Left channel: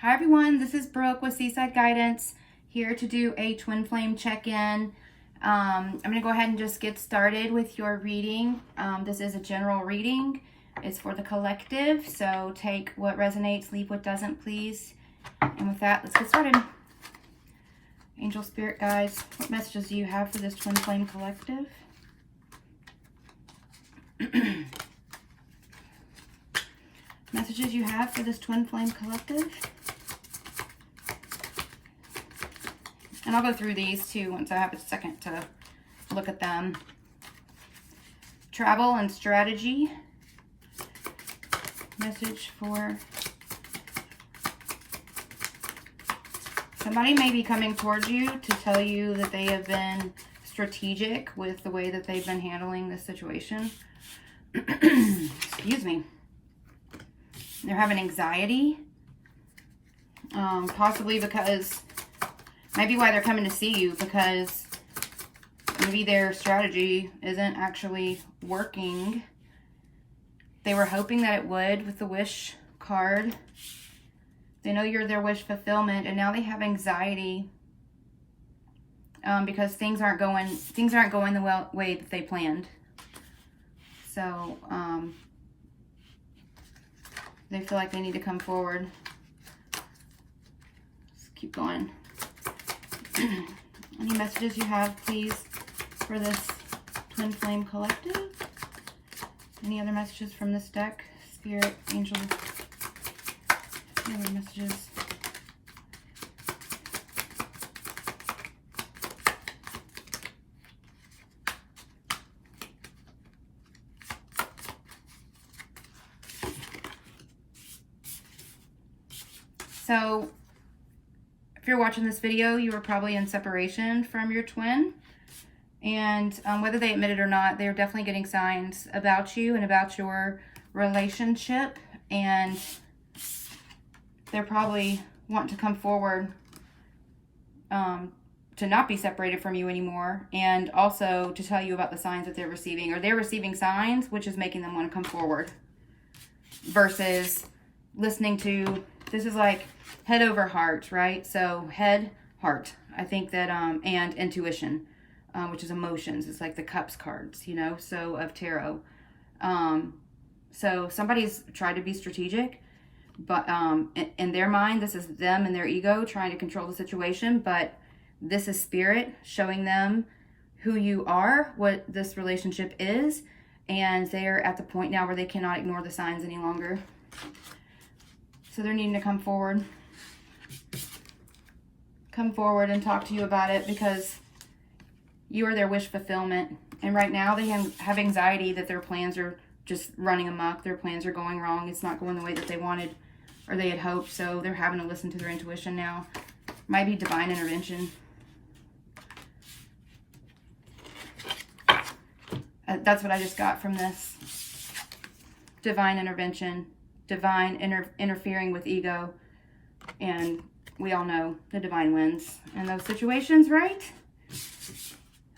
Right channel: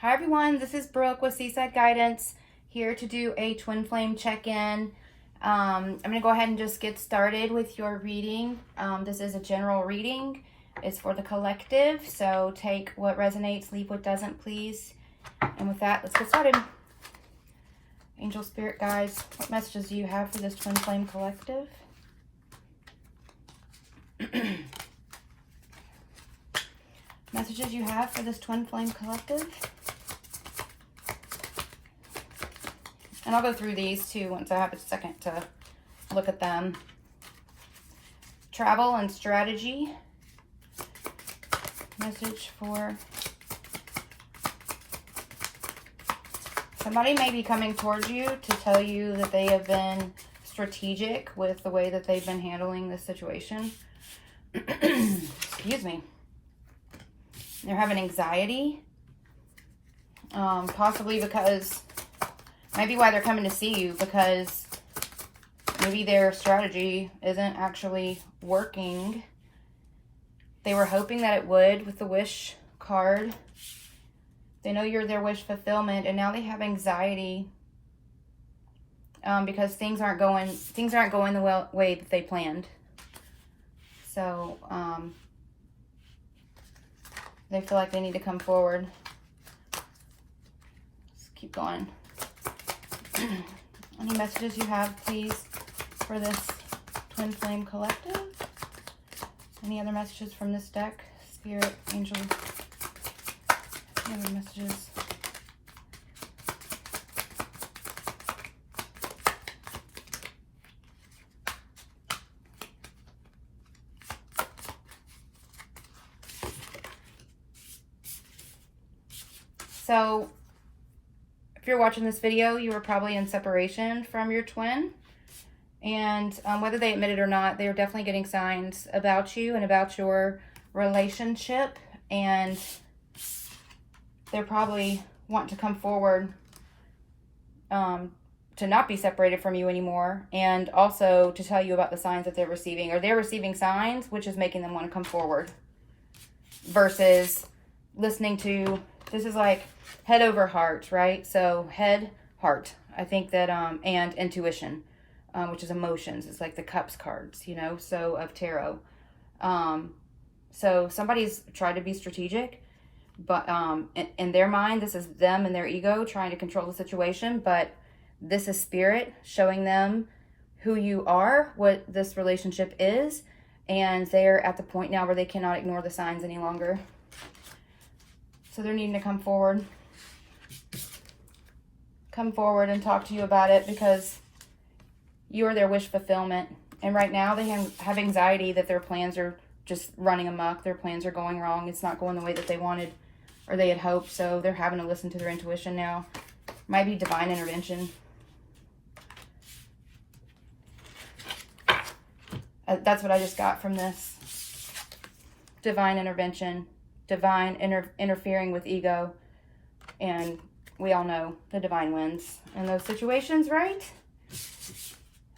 Hi everyone, this is Brooke with Seaside Guidance, here to do a twin flame check-in. I'm going to go ahead and just get started with your reading. This is a general reading. It's for the collective, so take what resonates, leave what doesn't, please. And with that, let's get started. Angel, Spirit, Guides, what messages do you have for this twin flame collective? Messages you have for this twin flame collective? And I'll go through these too once I have a second to look at them. Travel and strategy. Message for somebody may be coming towards you to tell you that they have been strategic with the way that they've been handling this situation. Excuse me. They're having anxiety. Possibly because, maybe why they're coming to see you, because maybe their strategy isn't actually working. They were hoping that it would with the wish card. They know you're their wish fulfillment, and now they have anxiety because things aren't going the way that they planned. So they feel like they need to come forward. Let's keep going. Any messages you have, please, for this twin flame collective? Any other messages from this deck? Spirit, Angel, any other messages? So, if you're watching this video, you were probably in separation from your twin. And whether they admit it or not, they're definitely getting signs about you and about your relationship. And they're probably wanting to come forward to not be separated from you anymore. And also to tell you about the signs that they're receiving. Or they're receiving signs, which is making them want to come forward. Versus listening to, this is like head over heart, right? So head, heart. I think that, and intuition. Which is emotions. It's like the cups cards, you know, so of tarot. So somebody's tried to be strategic, but in their mind, this is them and their ego trying to control the situation, but this is spirit showing them who you are, what this relationship is, and they're at the point now where they cannot ignore the signs any longer. So they're needing to come forward. Come forward and talk to you about it, because you are their wish fulfillment. And right now they have anxiety that their plans are just running amok. Their plans are going wrong. It's not going the way that they wanted or they had hoped. So they're having to listen to their intuition now. Might be divine intervention. That's what I just got from this. Divine intervention. Divine interfering with ego. And we all know the divine wins in those situations, right?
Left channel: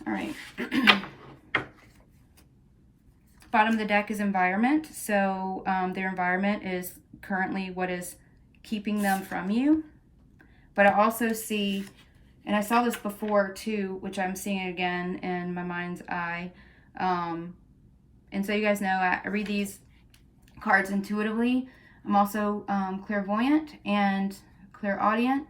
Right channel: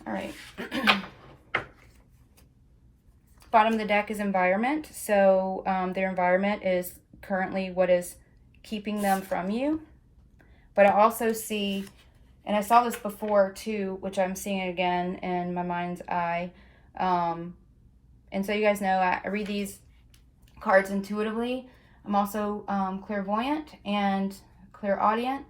All right. Bottom of the deck is environment. So their environment is currently what is keeping them from you. But I also see, and I saw this before too, which I'm seeing it again in my mind's eye. And so you guys know I read these cards intuitively. I'm also clairvoyant and clairaudient.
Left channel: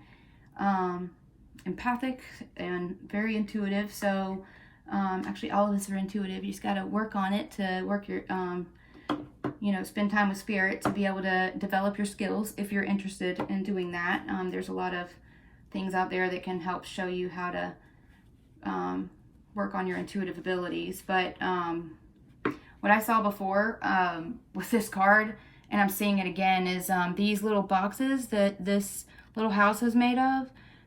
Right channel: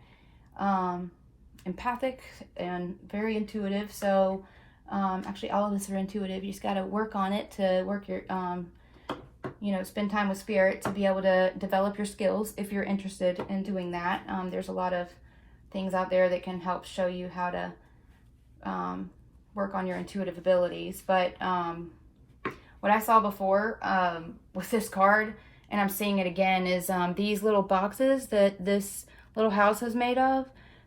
Empathic and very intuitive. So actually all of us are intuitive. You just got to work on it to work your spend time with spirit to be able to develop your skills if you're interested in doing that. There's a lot of things out there that can help show you how to work on your intuitive abilities. But what I saw before with this card, and I'm seeing it again, is these little boxes that this little house is made of.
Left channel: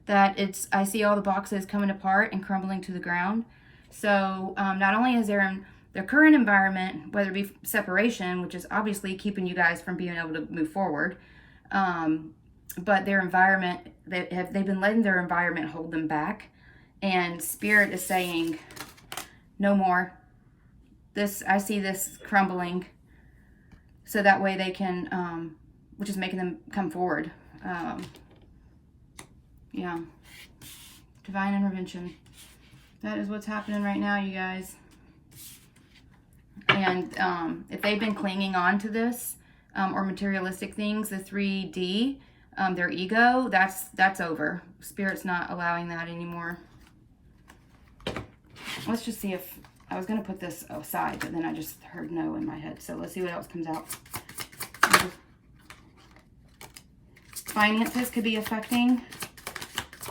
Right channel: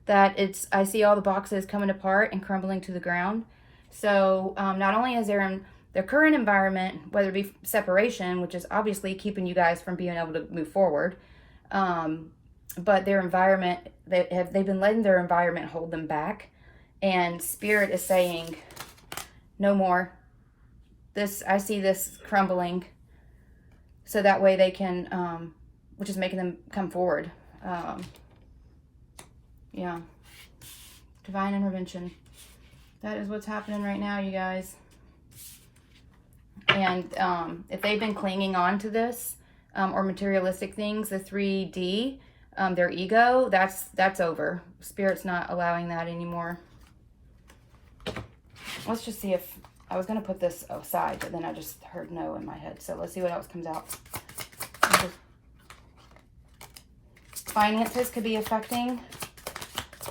I see all the boxes coming apart and crumbling to the ground. So not only is there in their current environment, whether it be separation, which is obviously keeping you guys from being able to move forward, but their environment, they've been letting their environment hold them back. And Spirit is saying, no more. I see this crumbling, so that way they can, which is making them come forward. Yeah. Divine intervention. That is what's happening right now, you guys. And if they've been clinging on to this, or materialistic things, the 3D, their ego, that's over. Spirit's not allowing that anymore. Let's just see if, I was going to put this aside, but then I just heard no in my head. So let's see what else comes out. Finances could be affecting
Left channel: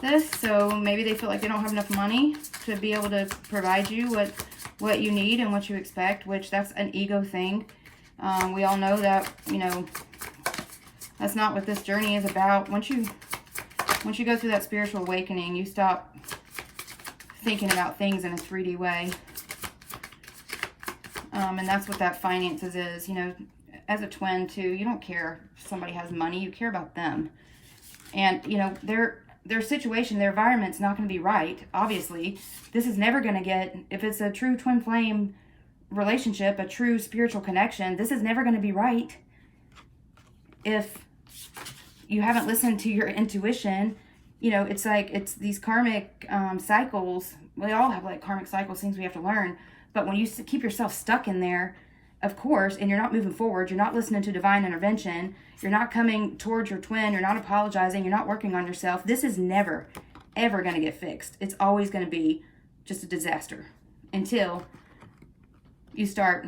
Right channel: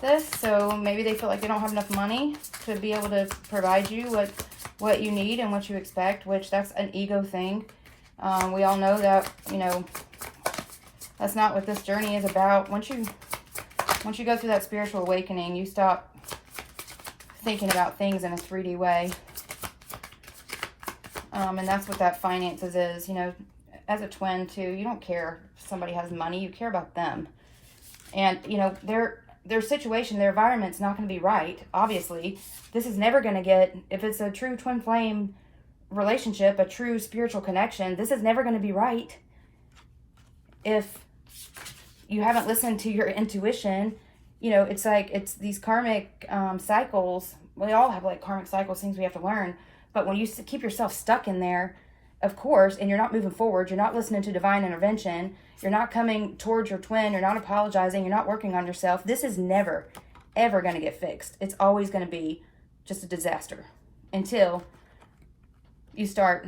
this. So maybe they feel like they don't have enough money to be able to provide you what you need and what you expect, which that's an ego thing. We all know that, you know, that's not what this journey is about. Once you go through that spiritual awakening, you stop thinking about things in a 3D way. And that's what that finances is. You know, as a twin too, you don't care if somebody has money, you care about them. And, you know, their situation, their environment's not going to be right. Obviously, this is never going to get, if it's a true twin flame relationship, a true spiritual connection, this is never going to be right if you haven't listened to your intuition. You know, it's like, it's these karmic cycles. We all have like karmic cycles, things we have to learn. But when you keep yourself stuck in there, of course, and you're not moving forward, you're not listening to divine intervention, you're not coming towards your twin, you're not apologizing, you're not working on yourself, this is never, ever going to get fixed. It's always going to be just a disaster until you start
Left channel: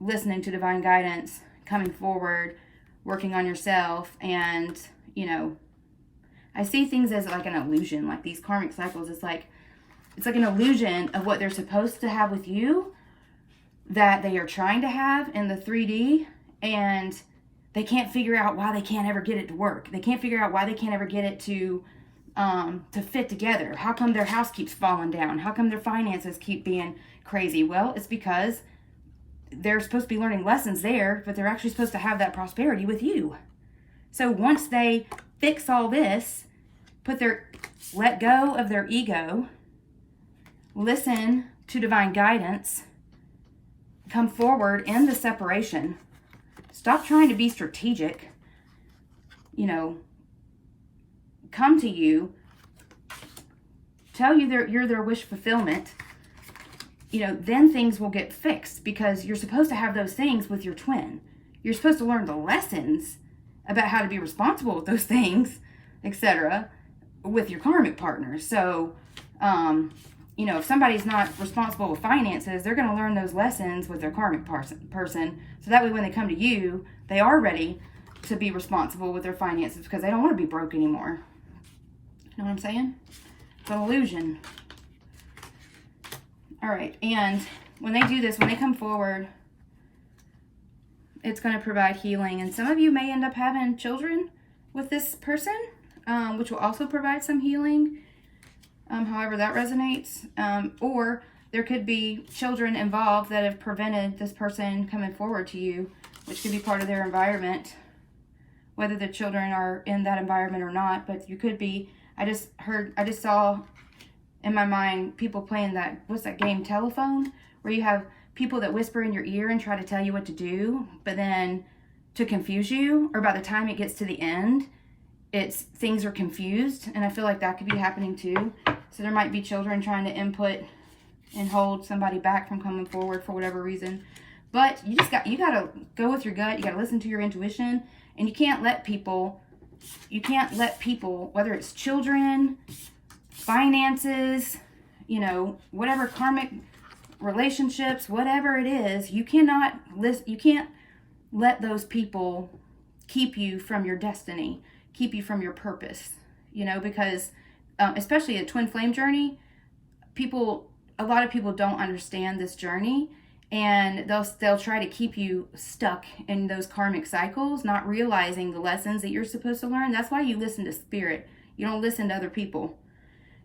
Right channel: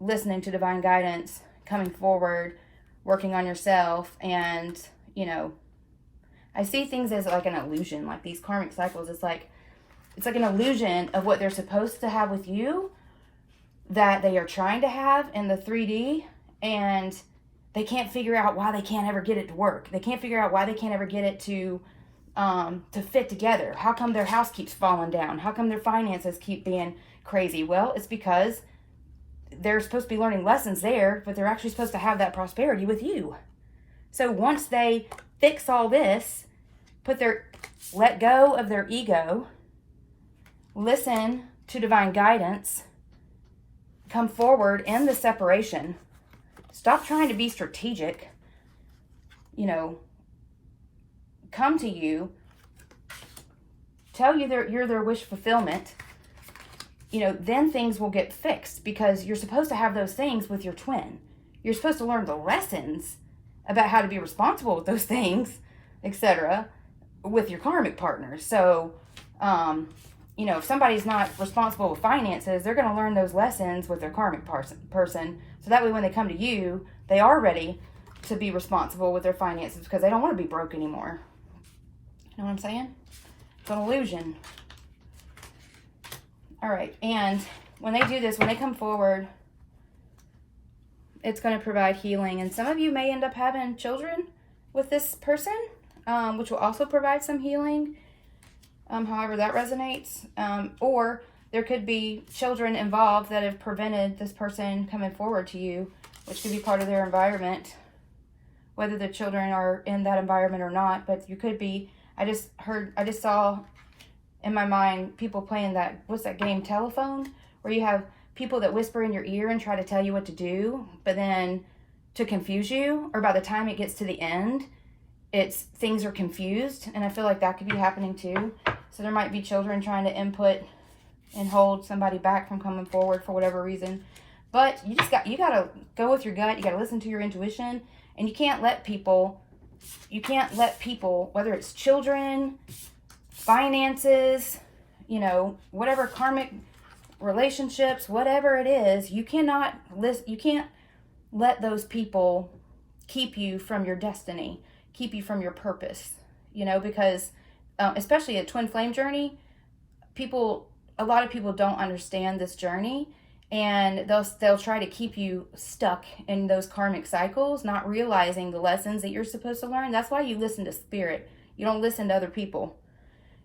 listening to divine guidance, coming forward, working on yourself. And, you know, I see things as like an illusion, like these karmic cycles. It's like an illusion of what they're supposed to have with you, that they are trying to have in the 3D, and they can't figure out why they can't ever get it to work. They can't figure out why they can't ever get it to fit together. How come their house keeps falling down? How come their finances keep being crazy? Well, it's because they're supposed to be learning lessons there, but they're actually supposed to have that prosperity with you. So once they fix all this, let go of their ego, listen to divine guidance, come forward in the separation, stop trying to be strategic, you know, come to you, tell you you're their wish fulfillment, you know, then things will get fixed, because you're supposed to have those things with your twin. You're supposed to learn the lessons about how to be responsible with those things, etc., with your karmic partners. So, you know, if somebody's not responsible with finances, they're going to learn those lessons with their karmic person. So that way when they come to you, they are ready to be responsible with their finances, because they don't want to be broke anymore. You know what I'm saying? It's an illusion. All right. And when they do this, when they come forward, it's going to provide healing. And some of you may end up having children with this person, which will also provide some healing. However that resonates, or there could be children involved that have prevented this person coming forward to you, which could be part of their environment, whether the children are in that environment or not. But you could be, I just saw in my mind people playing that, what's that game, Telephone, where you have people that whisper in your ear and try to tell you what to do, but then to confuse you, or by the time it gets to the end, things are confused. And I feel like that could be happening too. So there might be children trying to input and hold somebody back from coming forward for whatever reason. But you gotta go with your gut. You gotta listen to your intuition, and you can't let people, whether it's children, finances, you know, whatever karmic relationships, whatever it is, you can't let those people keep you from your destiny, keep you from your purpose, you know, because especially a twin flame journey, a lot of people don't understand this journey, and they'll try to keep you stuck in those karmic cycles, not realizing the lessons that you're supposed to learn. That's why you listen to spirit. You don't listen to other people.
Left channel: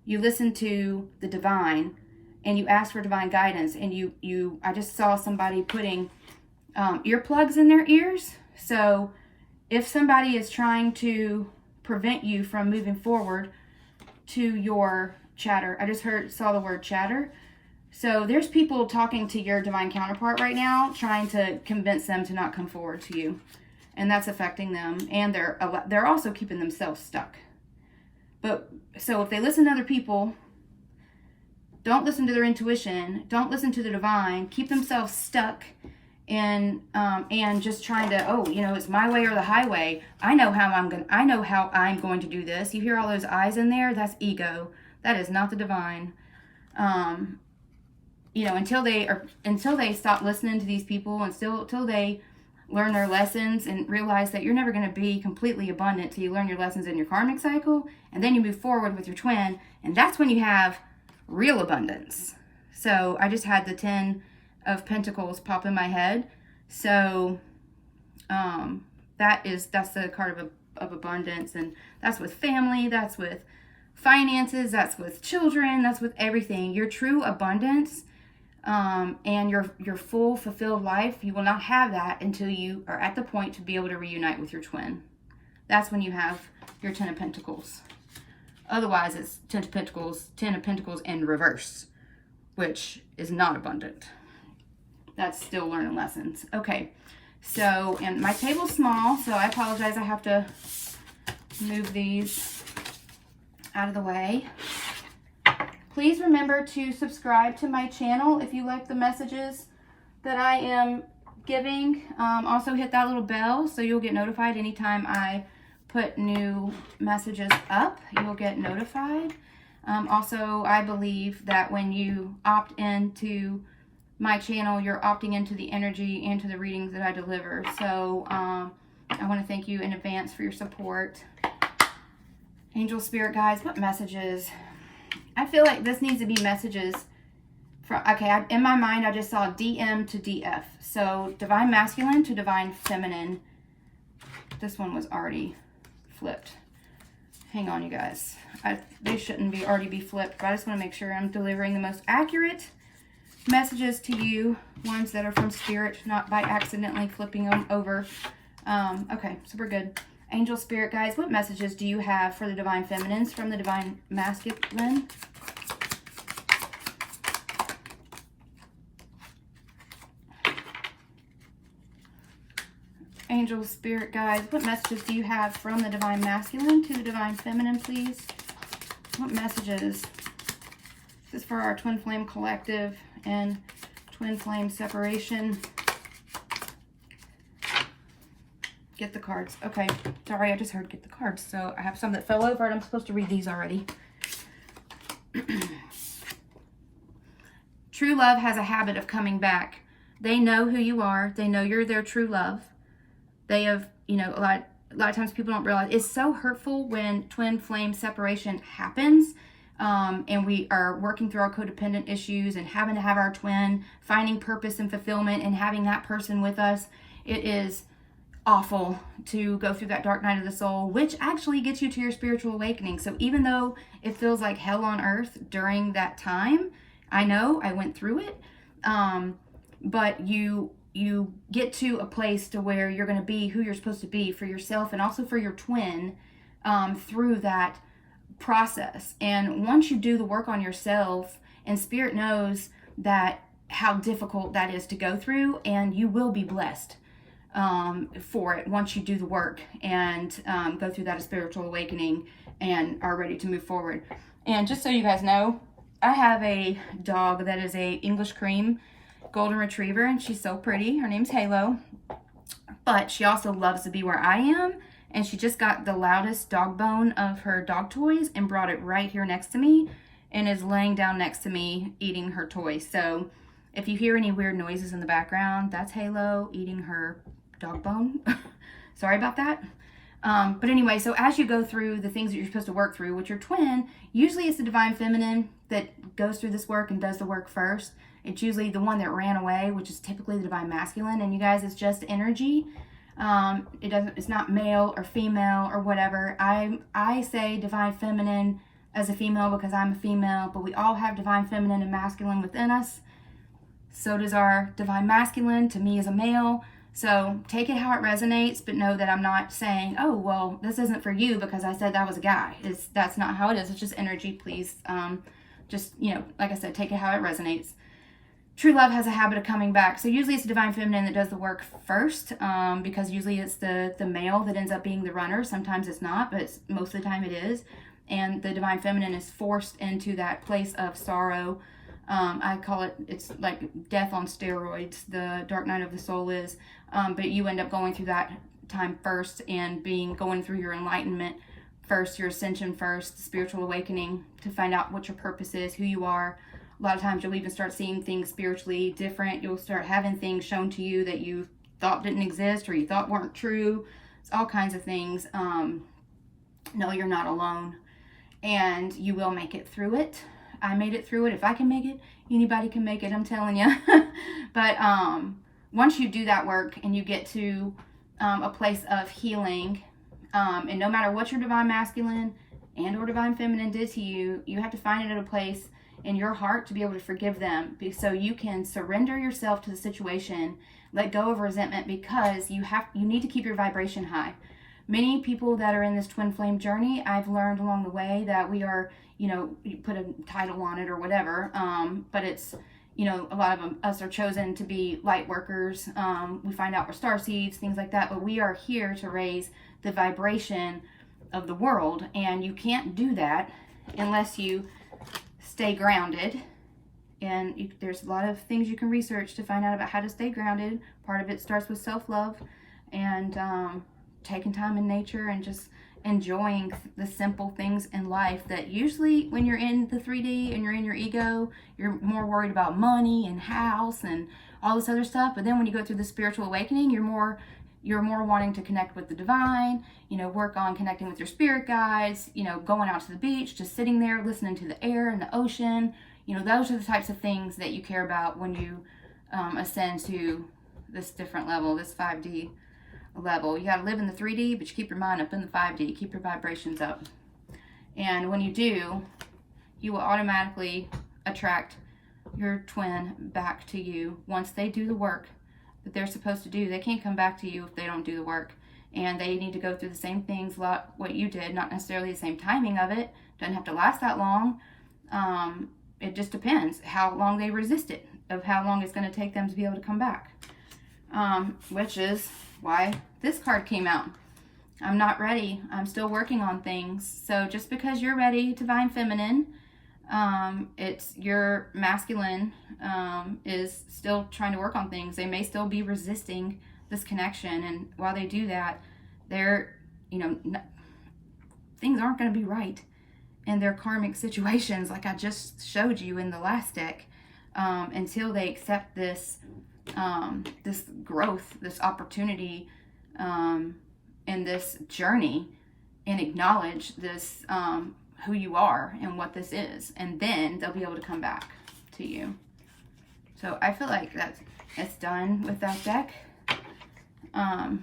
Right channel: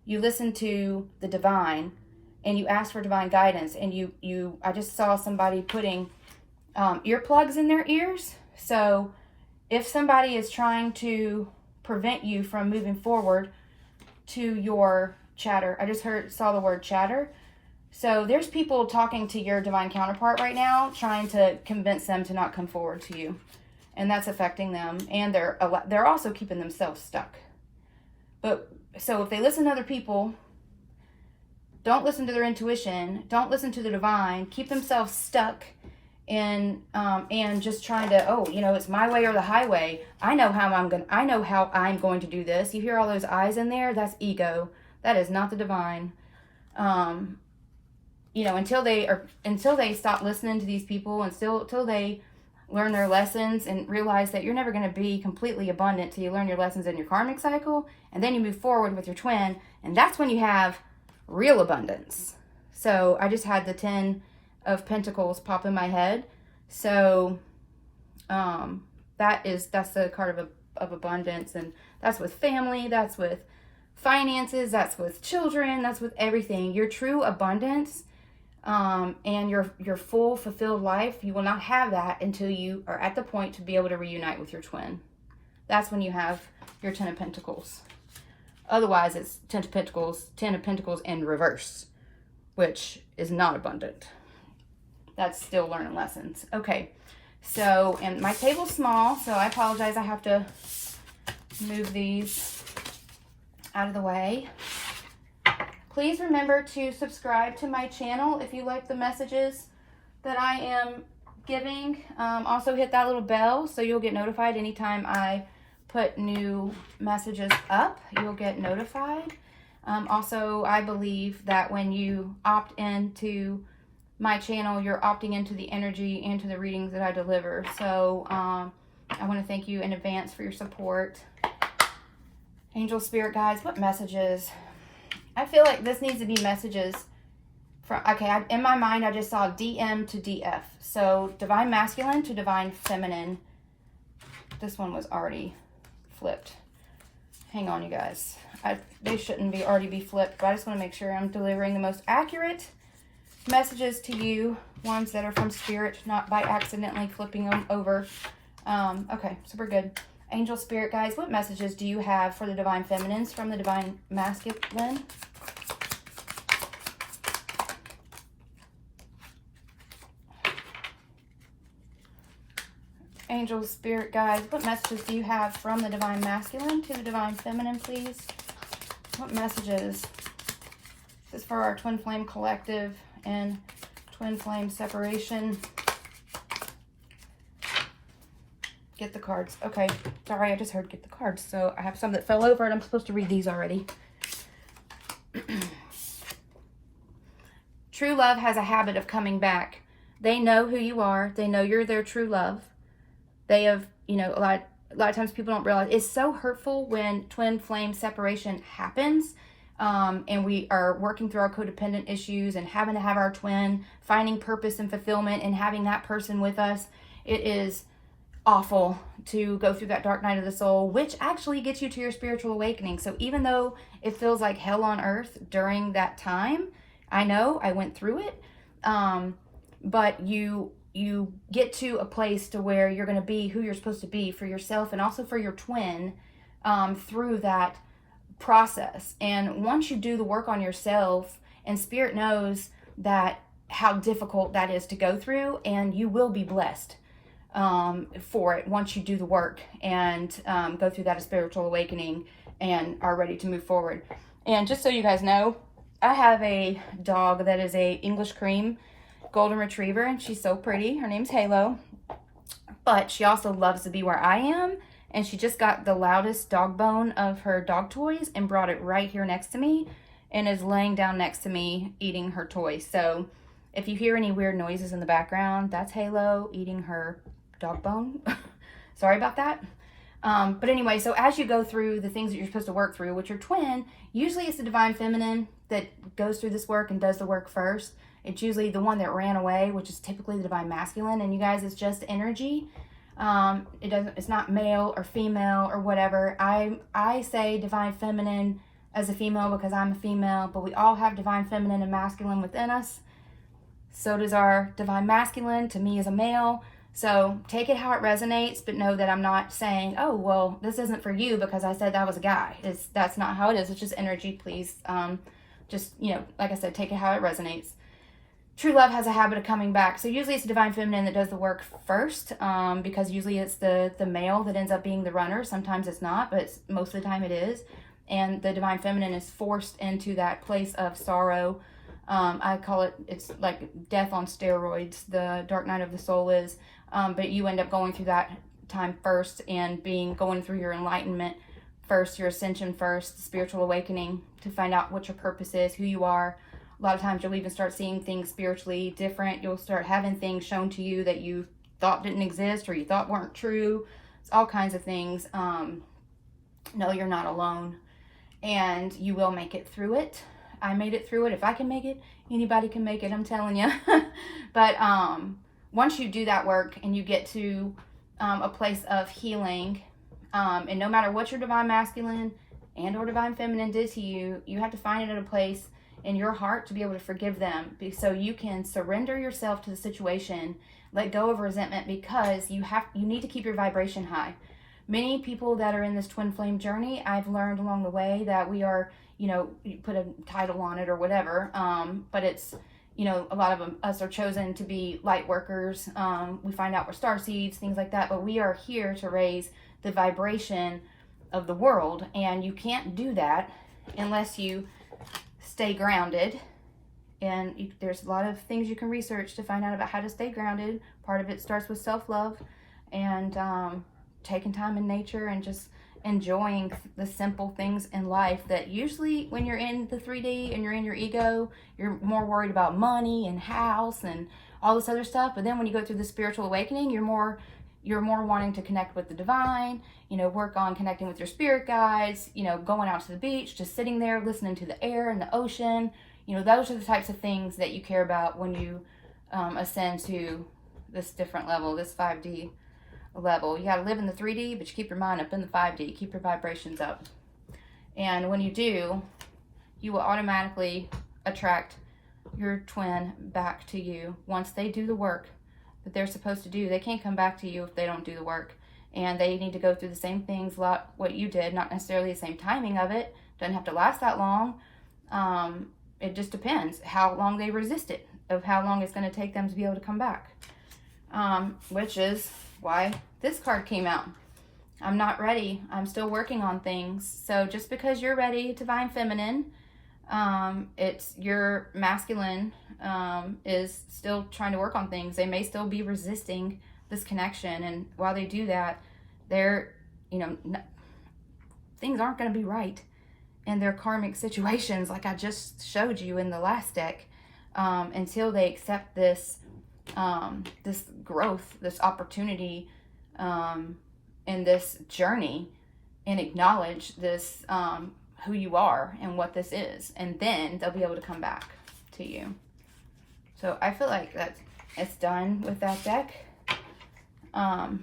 You listen to the divine, and you ask for divine guidance. And I just saw somebody putting earplugs in their ears. So if somebody is trying to prevent you from moving forward to your chatter, I just saw the word chatter. So there's people talking to your divine counterpart right now, trying to convince them to not come forward to you. and that's affecting them, and they're also keeping themselves stuck. But so if they listen to other people, don't listen to their intuition, don't listen to the divine, keep themselves stuck and just trying to, oh, you know, it's my way or the highway. I know how I'm going to do this. You hear all those I's in there? That's ego. That is not the divine. You know, until they stop listening to these people, until they learn their lessons and realize that you're never going to be completely abundant till you learn your lessons in your karmic cycle, and then you move forward with your twin, and that's when you have real abundance. So I just had the 10 of Pentacles pop in my head. So that's the card of abundance, and that's with family, that's with finances, that's with children, that's with everything. Your true abundance and your full fulfilled life, you will not have that until you are at the point to be able to reunite with your twin. That's when you have your 10 of Pentacles. Otherwise, it's 10 of Pentacles in reverse, which is not abundant. That's still learning lessons. Okay, so, and my table's small, so I apologize. I have to move these out of the way. Please remember to subscribe to my channel if you like the messages that I am giving. Also hit that little bell so you'll get notified anytime I put new messages up. You'll get notified. Also, I believe that when you opt into my channel, you're opting into the energy and to the readings that I deliver. So I want to thank you in advance for your support. Angel, spirit guides, what messages? I feel like this needs to be messages from, okay, in my mind, I just saw DM to DF. So divine masculine to divine feminine. This one was already flipped. Hang on, you guys. They shouldn't already be flipped, but I just want to make sure I'm delivering the most accurate messages to you, ones that are from spirit, not by accidentally flipping them over. Okay, so we're good. Angel, spirit guides, what messages do you have for the divine feminines from the divine masculine? Angel, spirit guides, what messages do you have from the divine masculine to the divine feminine, please? What messages? This is for our twin flame collective and twin flame separation. Get the cards. Okay, sorry, I just heard get the cards. So I have some that fell over and I'm supposed to read these already. True love has a habit of coming back. They know who you are. They know you're their true love. They have, you know, a lot of times people don't realize it's so hurtful when twin flame separation happens. And we are working through our codependent issues and having to have our twin, finding purpose and fulfillment and having that person with us. It is awful to go through that dark night of the soul, which actually gets you to your spiritual awakening. So even though it feels like hell on earth during that time, I know I went through it, but you get to a place to where you're going to be who you're supposed to be for yourself and also for your twin through that process. And once you do the work on yourself, and spirit knows that how difficult that is to go through, and you will be blessed for it once you do the work and go through that spiritual awakening and are ready to move forward. And just so you guys know, I have a dog that is a English cream golden retriever, and she's so pretty. Her name's Halo, but she also loves to be where I am, and she just got the loudest dog bone of her dog toys and brought it right here next to me and is laying down next to me eating her toys. So if you hear any weird noises in the background, that's Halo eating her dog bone. Sorry about that. But anyway, so as you go through the things that you're supposed to work through with your twin, usually it's the divine feminine that goes through this work and does the work first. It's usually the one that ran away, which is typically the divine masculine. And you guys, it's just energy. It's not male or female or whatever. I say divine feminine as a female because I'm a female, but we all have divine feminine and masculine within us. So does our divine masculine to me as a male. So take it how it resonates, but know that I'm not saying, oh, well, this isn't for you because I said that was a guy. That's not how it is. It's just energy, please. Just, you know, like I said, take it how it resonates. true love has a habit of coming back. So usually it's the divine feminine that does the work first, because usually it's the male that ends up being the runner. Sometimes it's not, but most of the time it is. And the divine feminine is forced into that place of sorrow. I call it, it's like death on steroids, the dark night of the soul is. But you end up going through that time first and going through your enlightenment first, your ascension first, the spiritual awakening, to find out what your purpose is, who you are. A lot of times you'll even start seeing things spiritually different. You'll start having things shown to you that you thought didn't exist or you thought weren't true. It's all kinds of things. No, you're not alone. And you will make it through it. I made it through it. If I can make it, anybody can make it, I'm telling you. But once you do that work and you get to a place of healing, and no matter what your divine masculine and or divine feminine did to you, you have to find it in a place in your heart to be able to forgive them, so you can surrender yourself to the situation, let go of resentment, because you need to keep your vibration high. Many people that are in this twin flame journey, I've learned along the way that we are, you put a title on it or whatever, but it's, a lot of us are chosen to be light workers. We find out we're star seeds, things like that, but we are here to raise the vibration of the world, and you can't do that unless you stay grounded. And there's a lot of things you can research to find out about how to stay grounded. Part of it starts with self-love and taking time in nature and just enjoying the simple things in life that usually when you're in the 3D and you're in your ego, you're more worried about money and house and all this other stuff. But then when you go through the spiritual awakening, you're more wanting to connect with the divine, work on connecting with your spirit guides, going out to the beach, just sitting there, listening to the air and the ocean. Those are the types of things that you care about when you ascend to this different level, this 5D level. You got to live in the 3D, but you keep your mind up in the 5D, keep your vibrations up. And when you do, you will automatically attract your twin back to you once they do the work that they're supposed to do. They can't come back to you if they don't do the work, and they need to go through the same things what you did, not necessarily the same timing of it. Doesn't have to last that long. It just depends how long they resist it, of how long it's going to take them to be able to come back, which is why this card came out. I'm not ready. I'm still working on things. So just because you're ready, divine feminine, it's your masculine is still trying to work on things. They may still be resisting this connection, and while they do that, they're, things aren't going to be right in their karmic situations, like I just showed you in the last deck, until they accept this this growth, this opportunity, in this journey, and acknowledge this who you are and what this is, and then they'll be able to come back to you. So I feel like it's done with that deck. I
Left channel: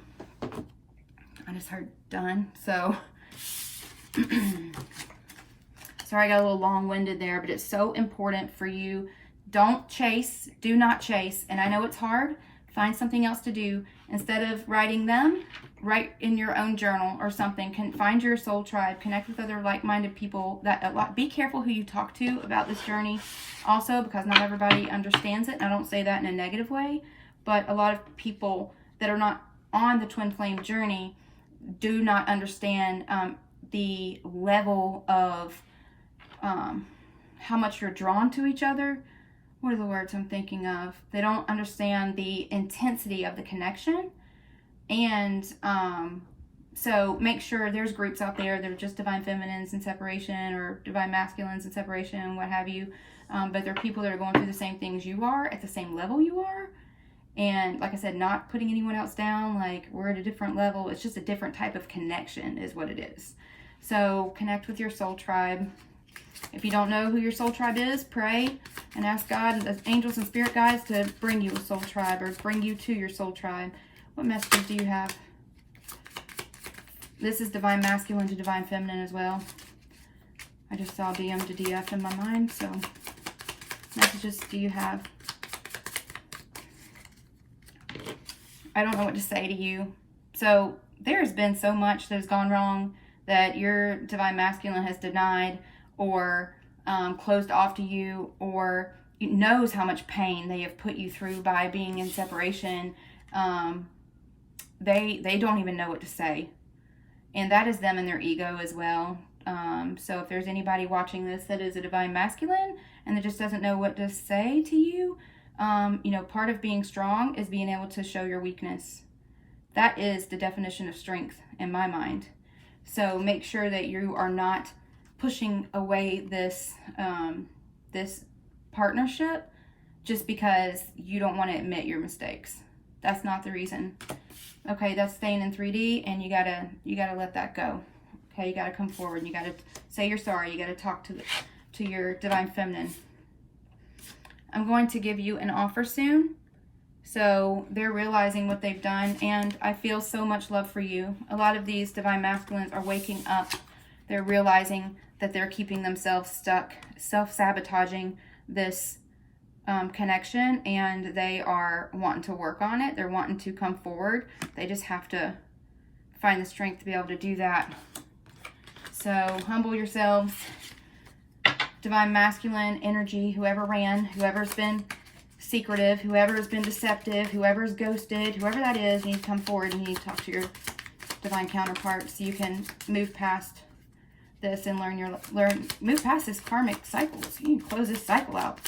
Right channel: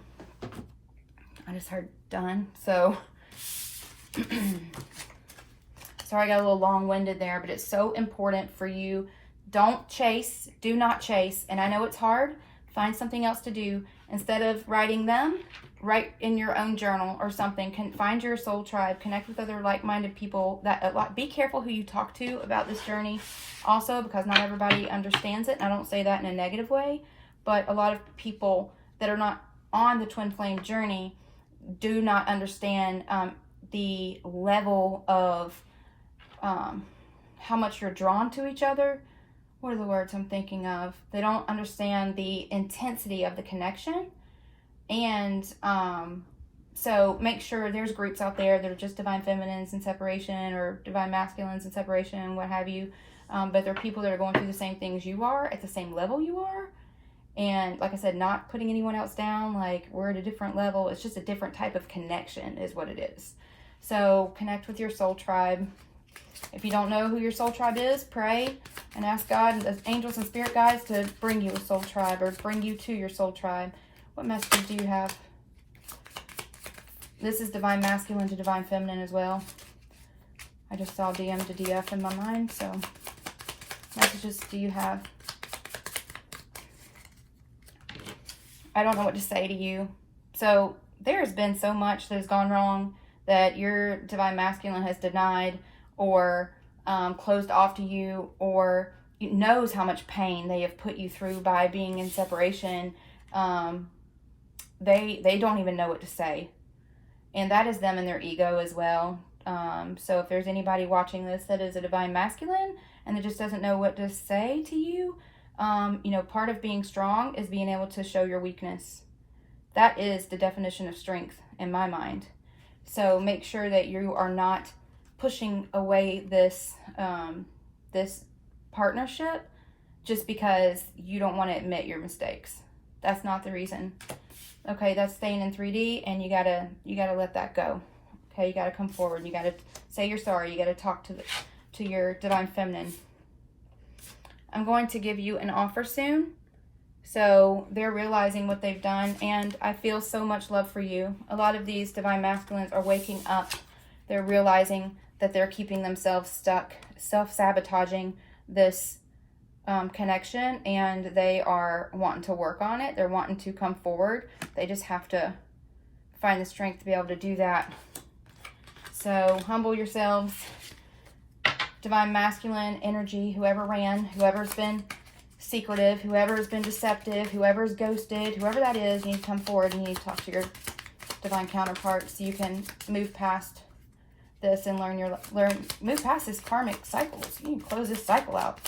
just heard done, so sorry I got a little long-winded there, but it's so important for you. Don't chase, do not chase, and I know it's hard. Find something else to do. Instead of writing them, write in your own journal or something. Find your soul tribe, connect with other like-minded people. Be careful who you talk to about this journey also, because not everybody understands it. I don't say that in a negative way, but a lot of people that are not on the twin flame journey do not understand the level of how much you're drawn to each other. What are the words I'm thinking of? They don't understand the intensity of the connection. And so make sure there's groups out there that are just divine feminines in separation or divine masculines in separation, what have you. But there are people that are going through the same things you are, at the same level you are. And like I said, not putting anyone else down, like we're at a different level. It's just a different type of connection is what it is. So connect with your soul tribe. If you don't know who your soul tribe is, pray and ask God, the angels and spirit guides, to bring you a soul tribe or bring you to your soul tribe. What messages do you have? This is divine masculine to divine feminine as well. I just saw DM to DF in my mind, so messages do you have? I don't know what to say to you. So there has been so much that has gone wrong that your divine masculine has denied or closed off to you, or knows how much pain they have put you through by being in separation. They don't even know what to say. And that is them and their ego as well. So if there's anybody watching this that is a divine masculine and that just doesn't know what to say to you, you know, part of being strong is being able to show your weakness. That is the definition of strength in my mind. So make sure that you are not pushing away this this partnership just because you don't want to admit your mistakes. That's not the reason. Okay, that's staying in 3D, and you gotta let that go. Okay, you gotta come forward. You gotta say you're sorry. You gotta talk to your divine feminine. I'm going to give you an offer soon. So they're realizing what they've done, and I feel so much love for you. A lot of these divine masculines are waking up. They're realizing that they're keeping themselves stuck, self-sabotaging this connection, and they are wanting to work on it. They're wanting to come forward. They just have to find the strength to be able to do that. So humble yourselves. Divine masculine energy, whoever ran, whoever's been secretive, whoever's been deceptive, whoever's ghosted, whoever that is, you need to come forward. You need to talk to your divine counterpart so you can move past this and move past this karmic cycles. You need to close this cycle out.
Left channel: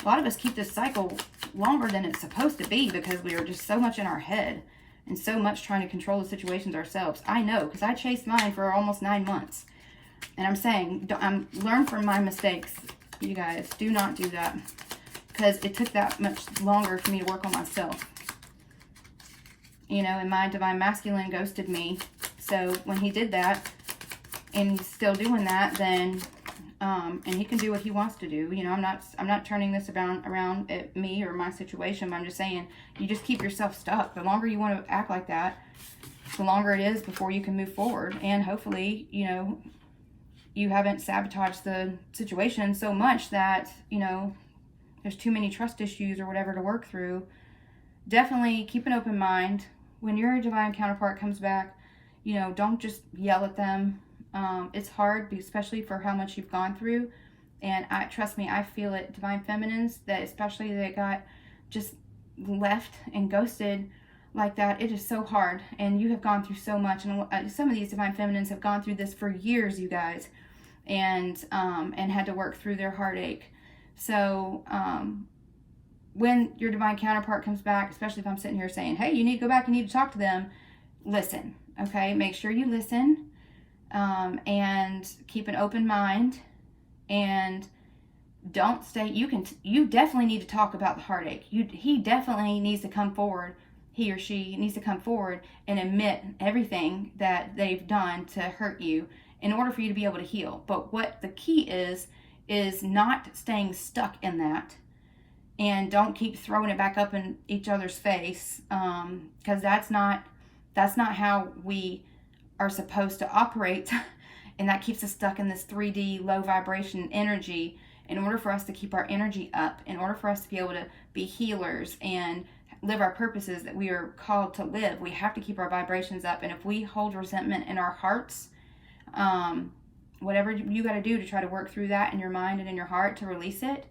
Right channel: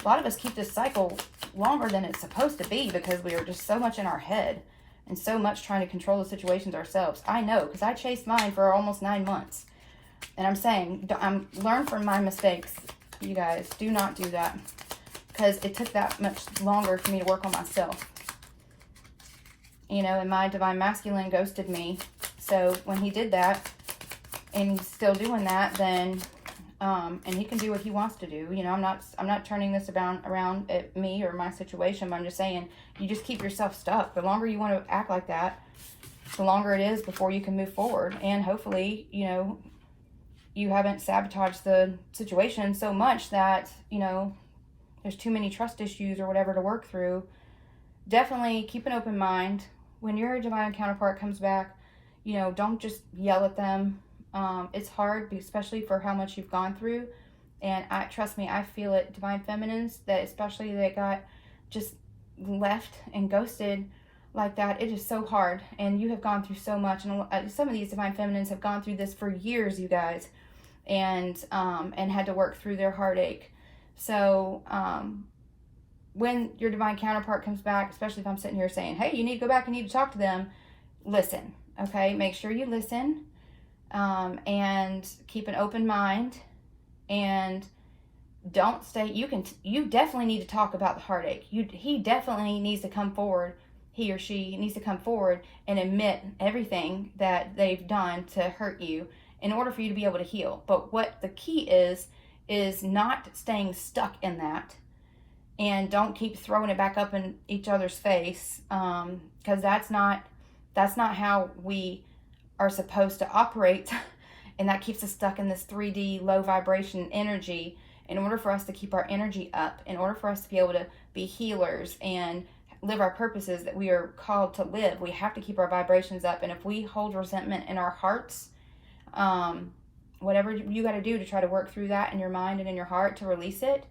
A lot of us keep this cycle longer than it's supposed to be because we are just so much in our head and so much trying to control the situations ourselves. I know, because I chased mine for almost 9 months. And I'm saying, learn from my mistakes, you guys. Do not do that, because it took that much longer for me to work on myself. You know, and my divine masculine ghosted me. So when he did that, and he's still doing that, then, and he can do what he wants to do. You know, I'm not turning this around at me or my situation, but I'm just saying, you just keep yourself stuck. The longer you want to act like that, the longer it is before you can move forward. And hopefully, you know, you haven't sabotaged the situation so much that, you know, there's too many trust issues or whatever to work through. Definitely keep an open mind. When your divine counterpart comes back, you know, don't just yell at them. It's hard, especially for how much you've gone through. And trust me, I feel it. Divine feminines, that especially that got just left and ghosted like that, it is so hard. And you have gone through so much. And some of these divine feminines have gone through this for years, you guys, and had to work through their heartache. So when your divine counterpart comes back, especially if I'm sitting here saying, hey, you need to go back and you need to talk to them, listen, okay? Make sure you listen, and keep an open mind, and don't stay. You definitely need to talk about the heartache. He definitely needs to come forward. He or she needs to come forward and admit everything that they've done to hurt you in order for you to be able to heal. But what the key is not staying stuck in that, and don't keep throwing it back up in each other's face, because that's not how we are supposed to operate. And that keeps us stuck in this 3D low vibration energy. In order for us to keep our energy up, in order for us to be able to be healers and live our purposes that we are called to live, we have to keep our vibrations up. And if we hold resentment in our hearts, whatever you got to do to try to work through that in your mind and in your heart to release it,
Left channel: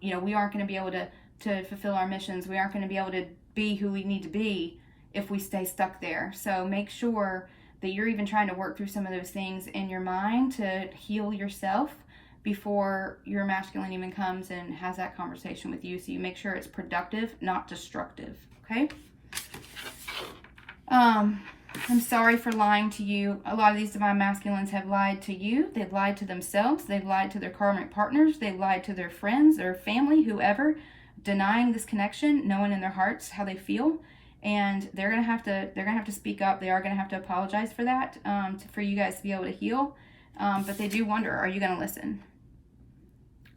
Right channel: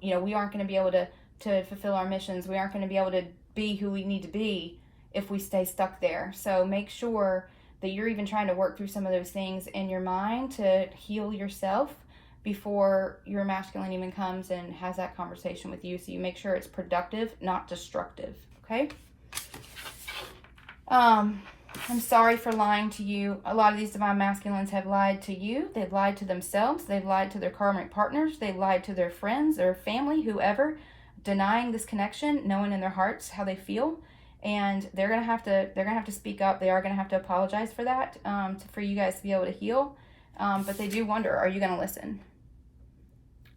you know, we aren't going to be able to fulfill our missions. We aren't going to be able to be who we need to be if we stay stuck there. So make sure that you're even trying to work through some of those things in your mind to heal yourself before your masculine even comes and has that conversation with you. So you make sure it's productive, not destructive. Okay? I'm sorry for lying to you. A lot of these divine masculines have lied to you. They've lied to themselves. They've lied to their karmic partners. They've lied to their friends, their family, whoever, denying this connection, knowing in their hearts how they feel. And they're gonna have to speak up. They are gonna have to apologize for that, for you guys to be able to heal. But they do wonder, are you gonna listen?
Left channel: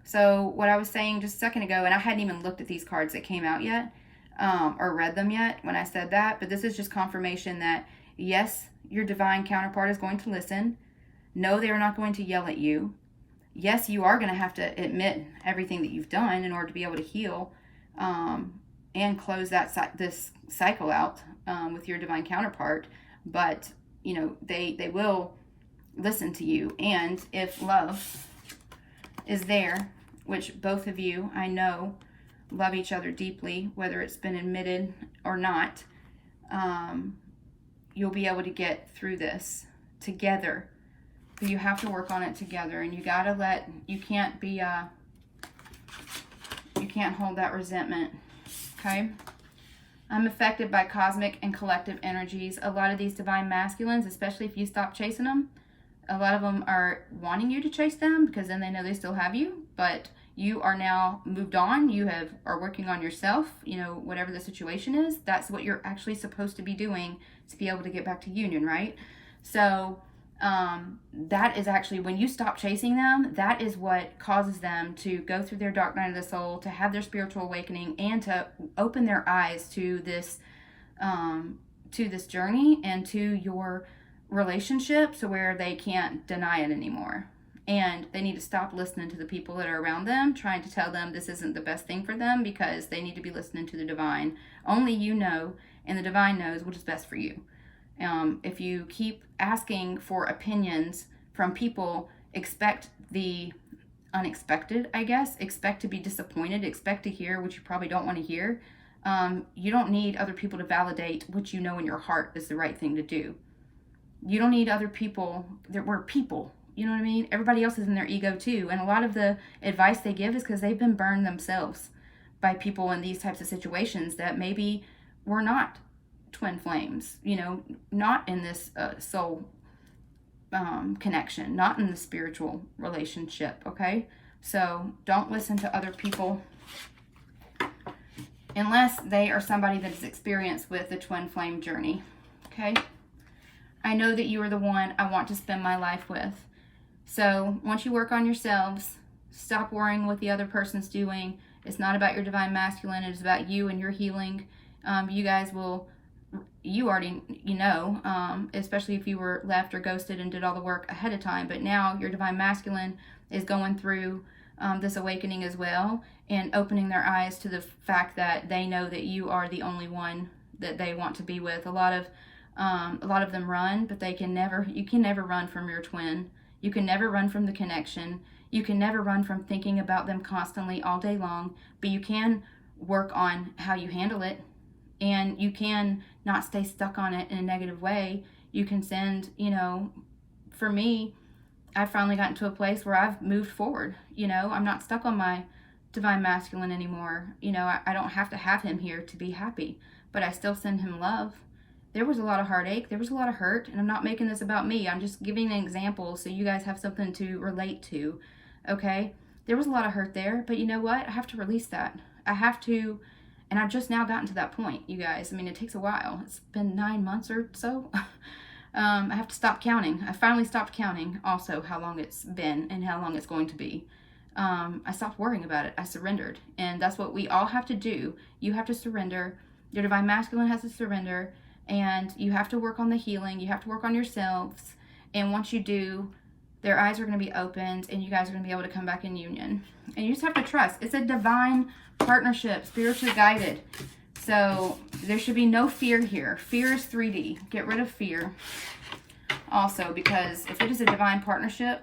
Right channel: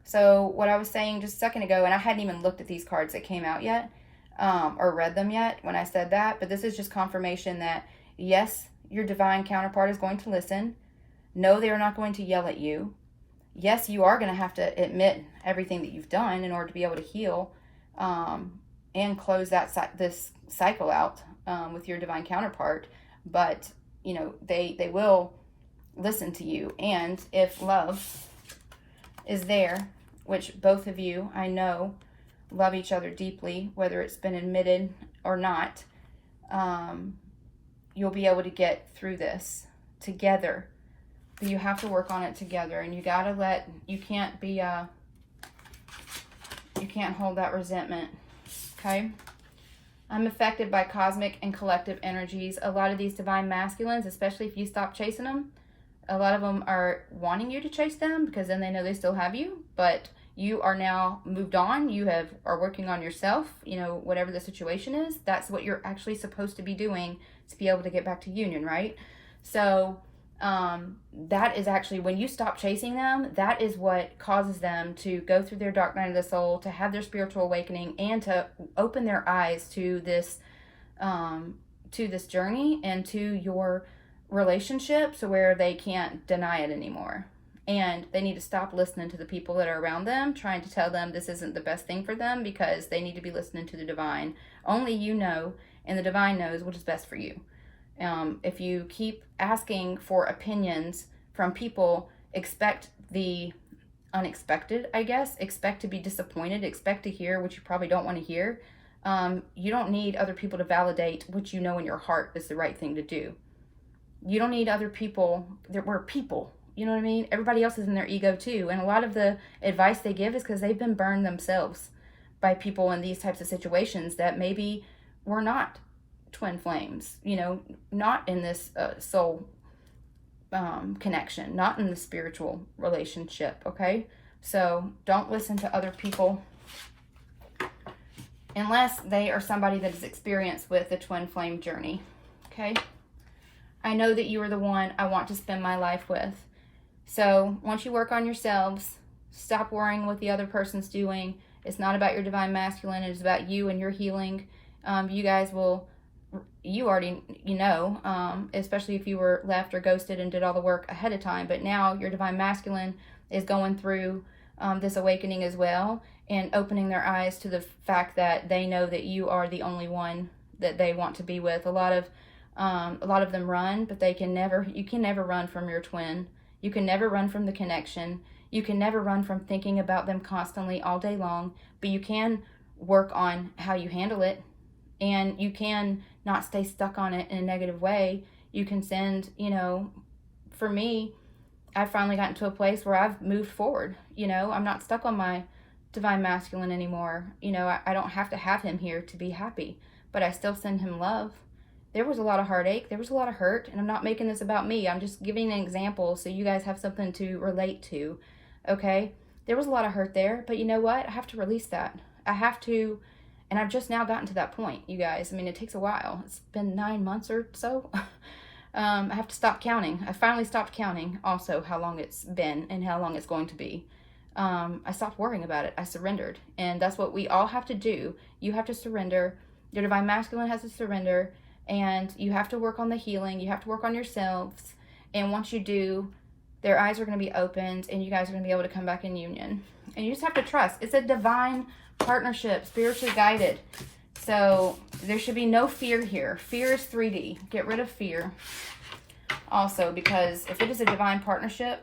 So what I was saying just a second ago, and I hadn't even looked at these cards that came out yet, or read them yet when I said that, but this is just confirmation that yes, your divine counterpart is going to listen. No, they are not going to yell at you. Yes, you are going to have to admit everything that you've done in order to be able to heal, and close this cycle out with your divine counterpart. But you know, they will listen to you, and if love is there which both of you, I know, love each other deeply, whether it's been admitted or not, you'll be able to get through this together. But you have to work on it together, and you gotta you can't be, you can't hold that resentment, okay? I'm affected by cosmic and collective energies. A lot of these divine masculines, especially if you stop chasing them, a lot of them are wanting you to chase them because then they know they still have you, but you are now moved on. You are working on yourself, you know, whatever the situation is. That's what you're actually supposed to be doing to be able to get back to union, right? So that is actually, when you stop chasing them, that is what causes them to go through their dark night of the soul, to have their spiritual awakening, and to open their eyes to this journey and to your relationships, where they can't deny it anymore. And they need to stop listening to the people that are around them, trying to tell them this isn't the best thing for them, because they need to be listening to the divine. Only you know, and the divine knows what is best for you. If you keep asking for opinions from people, expect the unexpected, I guess. Expect to be disappointed. Expect to hear what you probably don't want to hear. You don't need other people to validate what you know in your heart is the right thing to do. You don't need other people. We're people. You know what I mean? Everybody else is in their ego too. And a lot of the advice they give is because they've been burned themselves by people in these types of situations that maybe were not twin flames, you know, not in this soul connection, not in the spiritual relationship, okay? So don't listen to other people unless they are somebody that is experienced with the twin flame journey, okay? I know that you are the one I want to spend my life with. So once you work on yourselves, stop worrying what the other person's doing. It's not about your divine masculine. It's about you and your healing. You guys will, you already, you know, especially if you were left or ghosted and did all the work ahead of time. But now your divine masculine is going through this awakening as well, and opening their eyes to the fact that they know that you are the only one that they want to be with. A lot of them run, but you can never run from your twin. You can never run from the connection. You can never run from thinking about them constantly all day long, but you can work on how you handle it, and you can not stay stuck on it in a negative way. You can send, you know, for me, I've finally gotten to a place where I've moved forward. You know, I'm not stuck on my divine masculine anymore. You know, I don't have to have him here to be happy, but I still send him love. There was a lot of heartache. There was a lot of hurt, and I'm not making this about me. I'm just giving an example so you guys have something to relate to, okay? There was a lot of hurt there, but you know what? I have to release that. I have to, and I've just now gotten to that point, you guys. I mean, it takes a while. It's been 9 months or so. I have to stop counting. I finally stopped counting also how long it's been and how long it's going to be. I stopped worrying about it. I surrendered, and that's what we all have to do. You have to surrender. Your divine masculine has to surrender. And you have to work on the healing. You have to work on yourselves. And once you do, their eyes are going to be opened, and you guys are going to be able to come back in union. And you just have to trust. It's a divine partnership, spiritually guided. So there should be no fear here. Fear is 3D. Get rid of fear. Also, because if it is a divine partnership,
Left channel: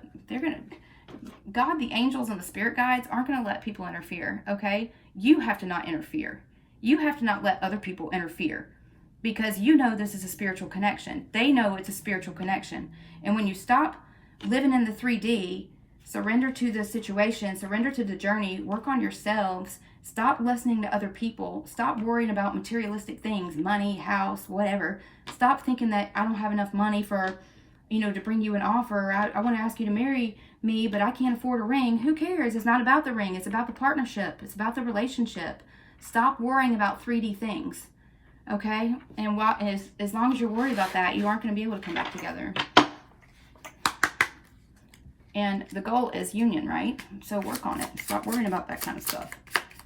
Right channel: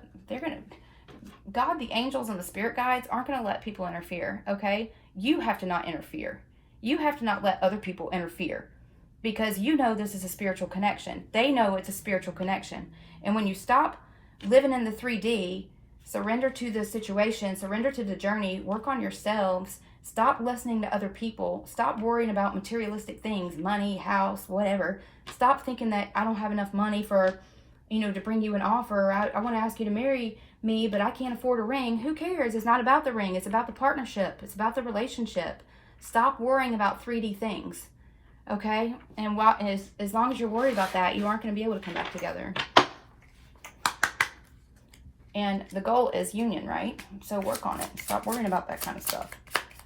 God, the angels, and the spirit guides aren't going to let people interfere, okay? You have to not interfere. You have to not let other people interfere. Because you know this is a spiritual connection. They know it's a spiritual connection. And when you stop living in the 3D, surrender to the situation, surrender to the journey, work on yourselves, stop listening to other people, stop worrying about materialistic things, money, house, whatever. Stop thinking that I don't have enough money for, you know, to bring you an offer. I want to ask you to marry me, but I can't afford a ring. Who cares? It's not about the ring. It's about the partnership. It's about the relationship. Stop worrying about 3D things. Okay, and as long as you're worried about that, you aren't going to be able to come back together. And the goal is union, right? So work on it. Stop worrying about that kind of stuff.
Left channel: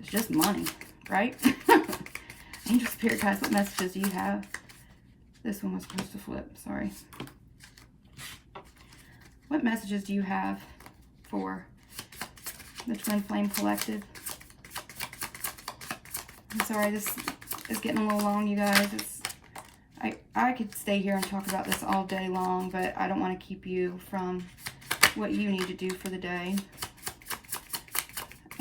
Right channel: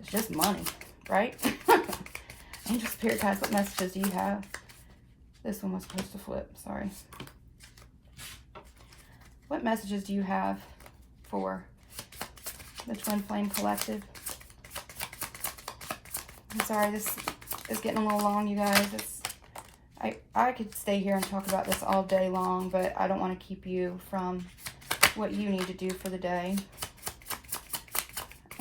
It's just money, right? Angel Spirit guys, what messages do you have? This one was supposed to flip. Sorry. What messages do you have for the Twin Flame Collective? I'm sorry, this is getting a little long, you guys. I could stay here and talk about this all day long, but I don't want to keep you from what you need to do for the day.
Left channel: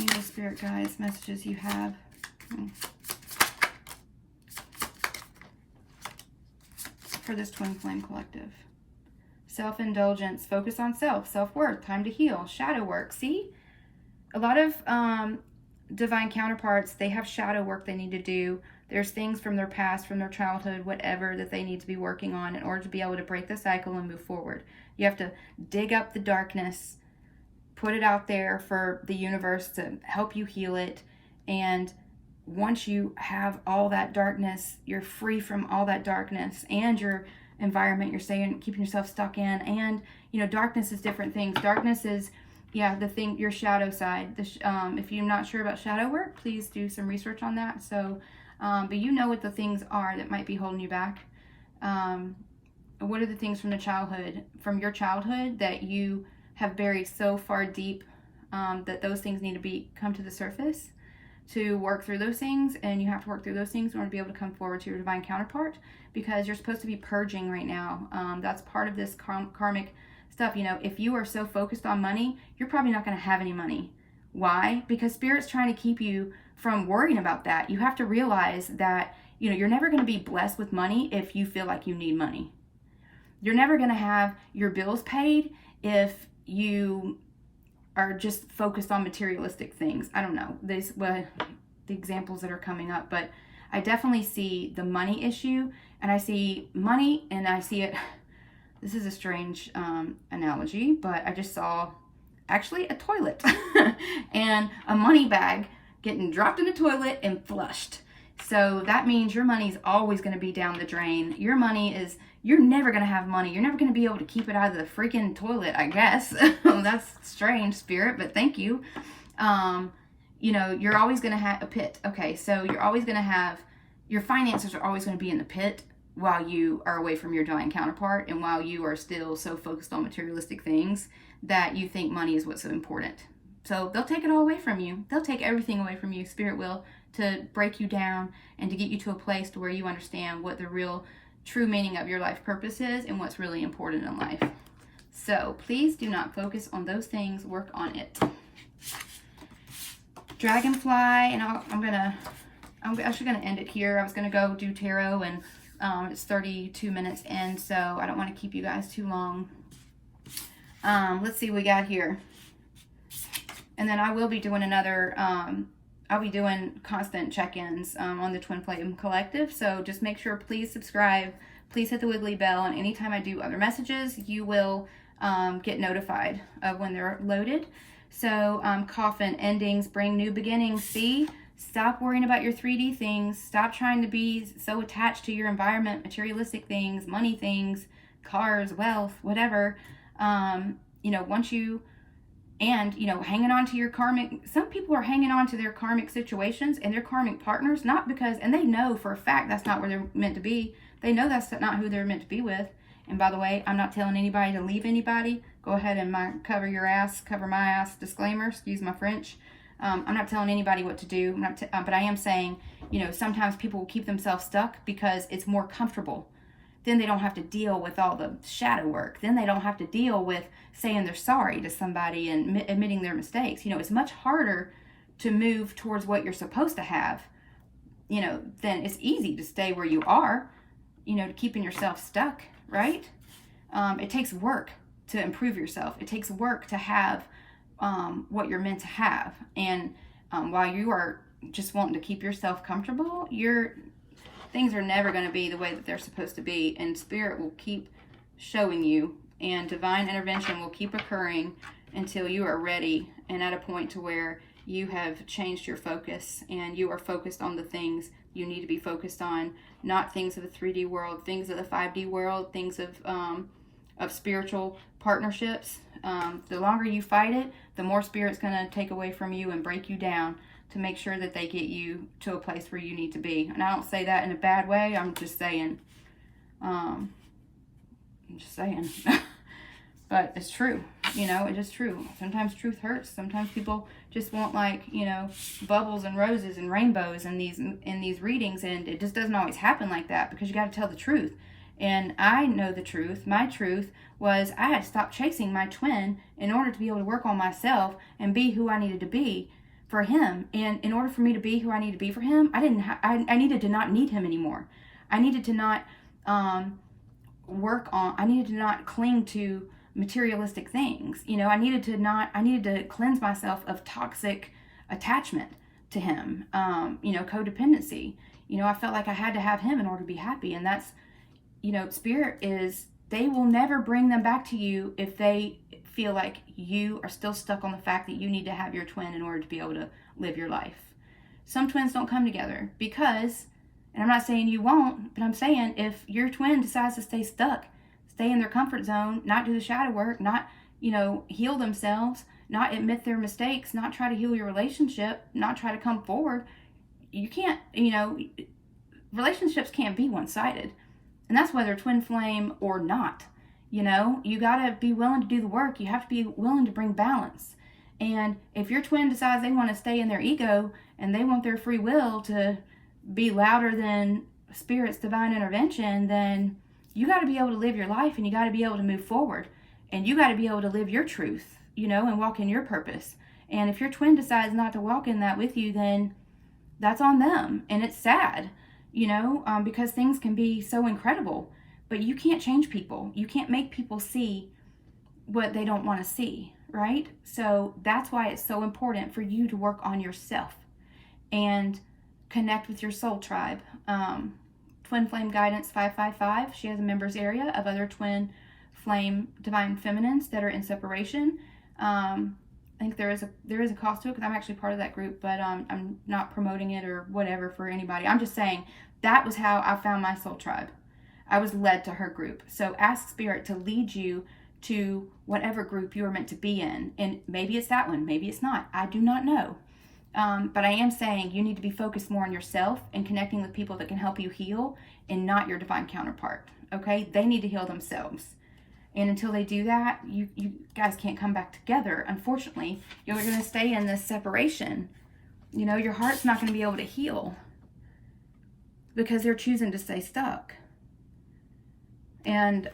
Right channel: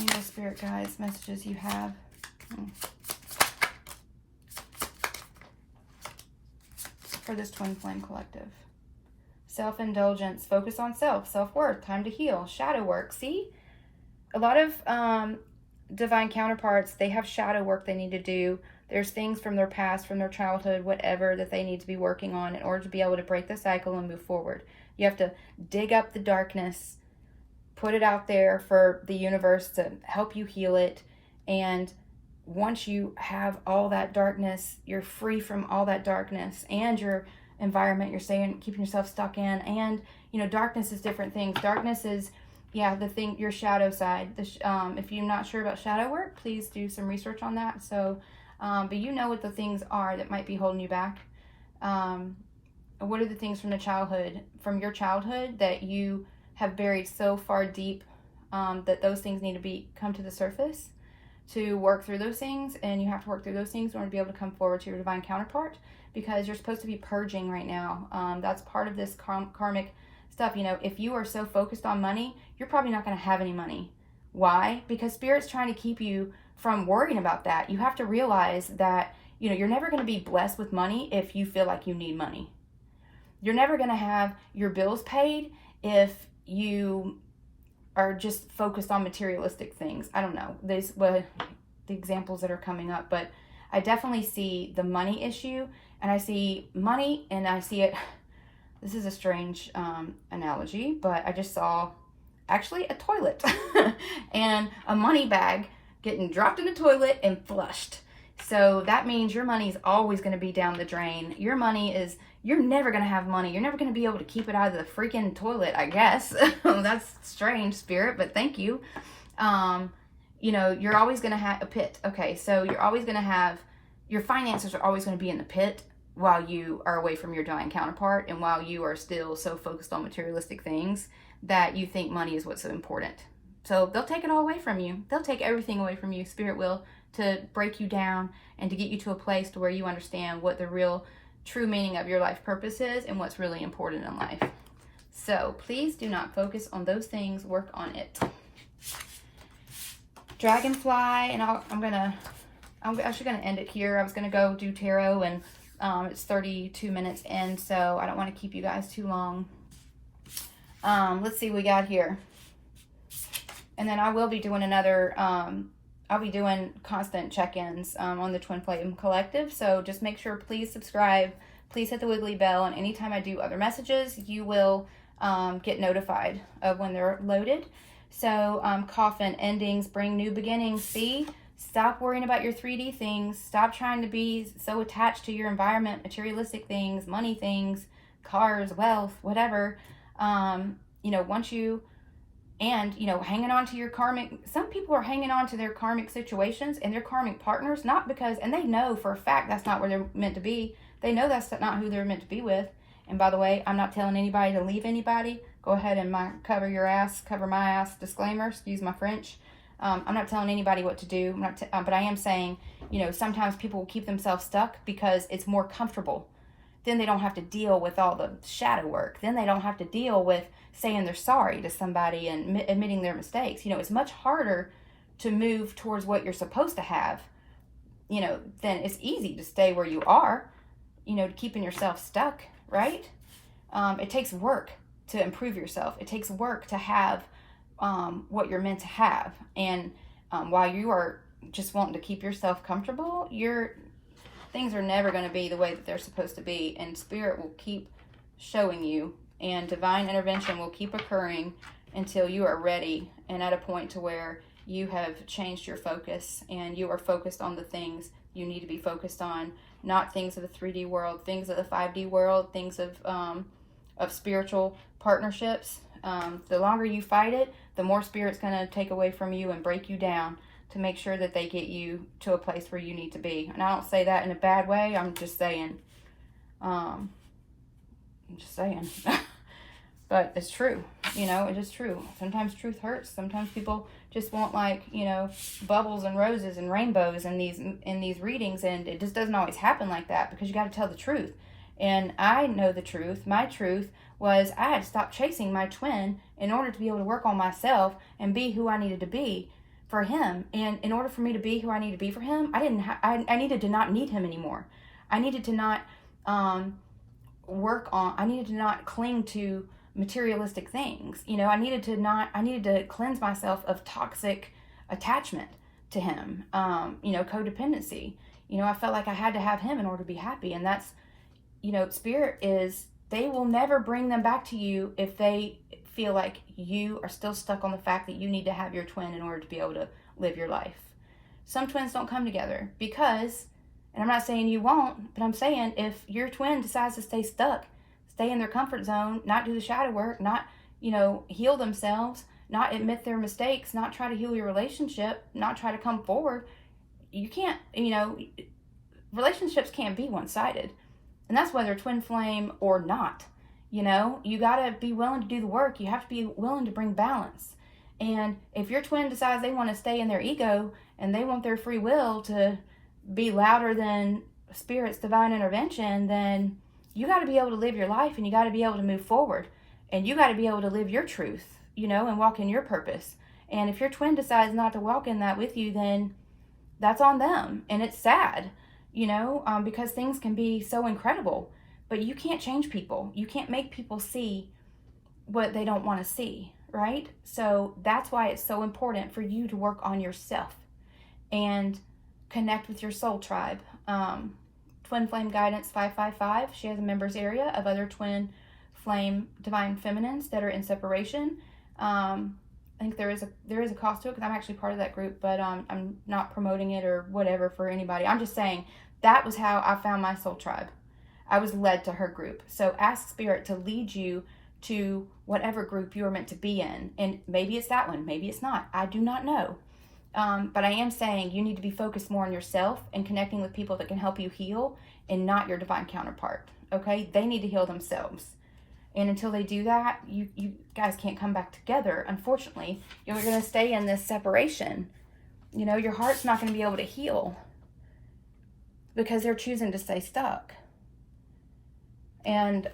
Angel, spirit guides, messages you have. For this twin flame collective. Self-indulgence, focus on self, self-worth, time to heal, shadow work. See, a lot of divine counterparts, they have shadow work they need to do. There's things from their past, from their childhood, whatever, that they need to be working on in order to be able to break the cycle and move forward. You have to dig up the darkness, put it out there for the universe to help you heal it. And once you have all that darkness, you're free from all that darkness and your environment you're staying, keeping yourself stuck in. And, you know, darkness is different things. Darkness is, yeah, the thing, your shadow side. If you're not sure about shadow work, please do some research on that. So, but you know what the things are that might be holding you back. What are the things from your childhood that you have buried so far deep that those things need to come to the surface to work through those things, and you have to work through those things in order to be able to come forward to your divine counterpart, because you're supposed to be purging right now. That's part of this karmic stuff. You know, if you are so focused on money, you're probably not going to have any money. Why? Because Spirit's trying to keep you from worrying about that. You have to realize that, you know, you're never going to be blessed with money if you feel like you need money. You're never going to have your bills paid if you are just focused on materialistic things. I don't know. These were the examples that are coming up, but I definitely see the money issue, and I see money, and I see it. This is a strange analogy, but I just saw actually a toilet and a money bag getting dropped in the toilet and flushed. So that means your money is always going to be down the drain. You're never going to have money. You're never going to be able to keep it out of the freaking toilet, I guess. That's strange, Spirit, but thank you. You know, you're always going to have a pit. Okay, so you're always going to have, your finances are always going to be in the pit while you are away from your divine counterpart, and while you are still so focused on materialistic things that you think money is what's so important. So they'll take it all away from you. They'll take everything away from you, Spirit will, to break you down and to get you to a place to where you understand what the real true meaning of your life purpose is and what's really important in life. So please do not focus on those things. Work on it. Dragonfly, and I'm actually gonna end it here. I was gonna go do tarot, and it's 32 minutes in, so I don't want to keep you guys too long. Let's see what we got here. And then I will be doing another, I'll be doing constant check-ins on the Twin Flame Collective. So just make sure, please subscribe. Please hit the wiggly bell. And anytime I do other messages, you will get notified of when they're loaded. So coffin, endings, bring new beginnings. See? Stop worrying about your 3D things. Stop trying to be so attached to your environment, materialistic things, money things, cars, wealth, whatever. You know, once you... And, you know, hanging on to your karmic, some people are hanging on to their karmic situations and their karmic partners, not because, and they know for a fact that's not where they're meant to be. They know that's not who they're meant to be with. And by the way, I'm not telling anybody to leave anybody. Go ahead and cover your ass, cover my ass disclaimer, excuse my French. I'm not telling anybody what to do, but I am saying, you know, sometimes people will keep themselves stuck because it's more comfortable. Then they don't have to deal with all the shadow work. Then they don't have to deal with saying they're sorry to somebody and admitting their mistakes. You know, it's much harder to move towards what you're supposed to have, you know, then it's easy to stay where you are, you know, keeping yourself stuck, right? It takes work to improve yourself. It takes work to have what you're meant to have. And while you are just wanting to keep yourself comfortable, things are never going to be the way that they're supposed to be. And Spirit will keep showing you, and divine intervention will keep occurring until you are ready and at a point to where you have changed your focus and you are focused on the things you need to be focused on, not things of the 3D world, things of the 5D world, things of spiritual partnerships. The longer you fight it, the more Spirit's going to take away from you and break you down to make sure that they get you to a place where you need to be. And I don't say that in a bad way. I'm just saying, but it's true, you know, it is true. Sometimes truth hurts. Sometimes people just want, like, you know, bubbles and roses and rainbows in these readings, and it just doesn't always happen like that, because you got to tell the truth. And I know the truth. My truth was I had to stop chasing my twin in order to be able to work on myself and be who I needed to be for him. And in order for me to be who I need to be for him, I needed to not need him anymore. I needed to not I needed to not cling to materialistic things. You know, I needed to cleanse myself of toxic attachment to him. You know, codependency. You know, I felt like I had to have him in order to be happy. And that's, you know, spirit is, they will never bring them back to you if they feel like you are still stuck on the fact that you need to have your twin in order to be able to live your life. Some twins don't come together because, and I'm not saying you won't, but I'm saying if your twin decides to stay stuck, stay in their comfort zone, not do the shadow work, not, you know, heal themselves, not admit their mistakes, not try to heal your relationship, not try to come forward, you can't, you know, relationships can't be one-sided. And that's whether twin flame or not. You know, you got to be willing to do the work. You have to be willing to bring balance. And if your twin decides they want to stay in their ego and they want their free will to be louder than Spirit's divine intervention, then you got to be able to live your life, and you got to be able to move forward, and you got to be able to live your truth, you know, and walk in your purpose. And if your twin decides not to walk in that with you, then that's on them. And it's sad, you know, because things can be so incredible. But you can't change people. You can't make people see what they don't want to see, right? So that's why it's so important for you to work on yourself and connect with your soul tribe. Twin Flame Guidance 555, she has a members area of other twin flame divine feminines that are in separation. I think there is a cost to it because I'm actually part of that group, but I'm not promoting it or whatever for anybody. I'm just saying that was how I found my soul tribe. I was led to her group. So ask Spirit to lead you to whatever group you are meant to be in. And maybe it's that one, maybe it's not. I do not know. But I am saying you need to be focused more on yourself and connecting with people that can help you heal and not your divine counterpart. Okay? They need to heal themselves. And until they do that, you guys can't come back together. Unfortunately, you're going to stay in this separation. You know, your heart's not going to be able to heal because they're choosing to stay stuck. And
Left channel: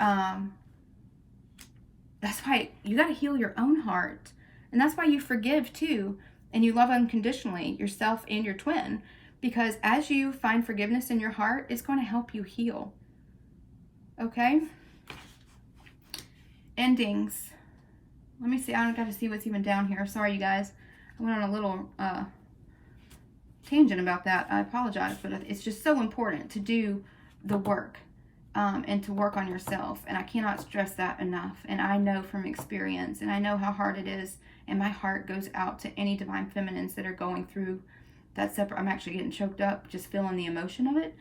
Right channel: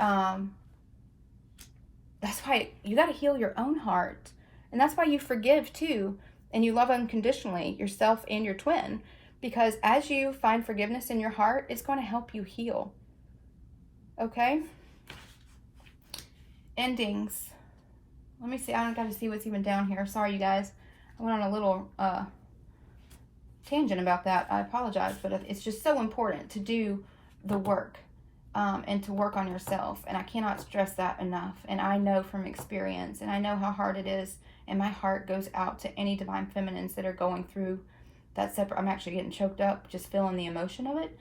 that's why you got to heal your own heart. And that's why you forgive too. And you love unconditionally yourself and your twin. Because as you find forgiveness in your heart, it's going to help you heal. Okay? Endings. Let me see. I don't got to see what's even down here. Sorry, you guys. I went on a little tangent about that. I apologize, but it's just so important to do the work. And to work on yourself. And I cannot stress that enough. And I know from experience, and I know how hard it is, and my heart goes out to any divine feminines that are going through that separate. I'm actually getting choked up just feeling the emotion of it.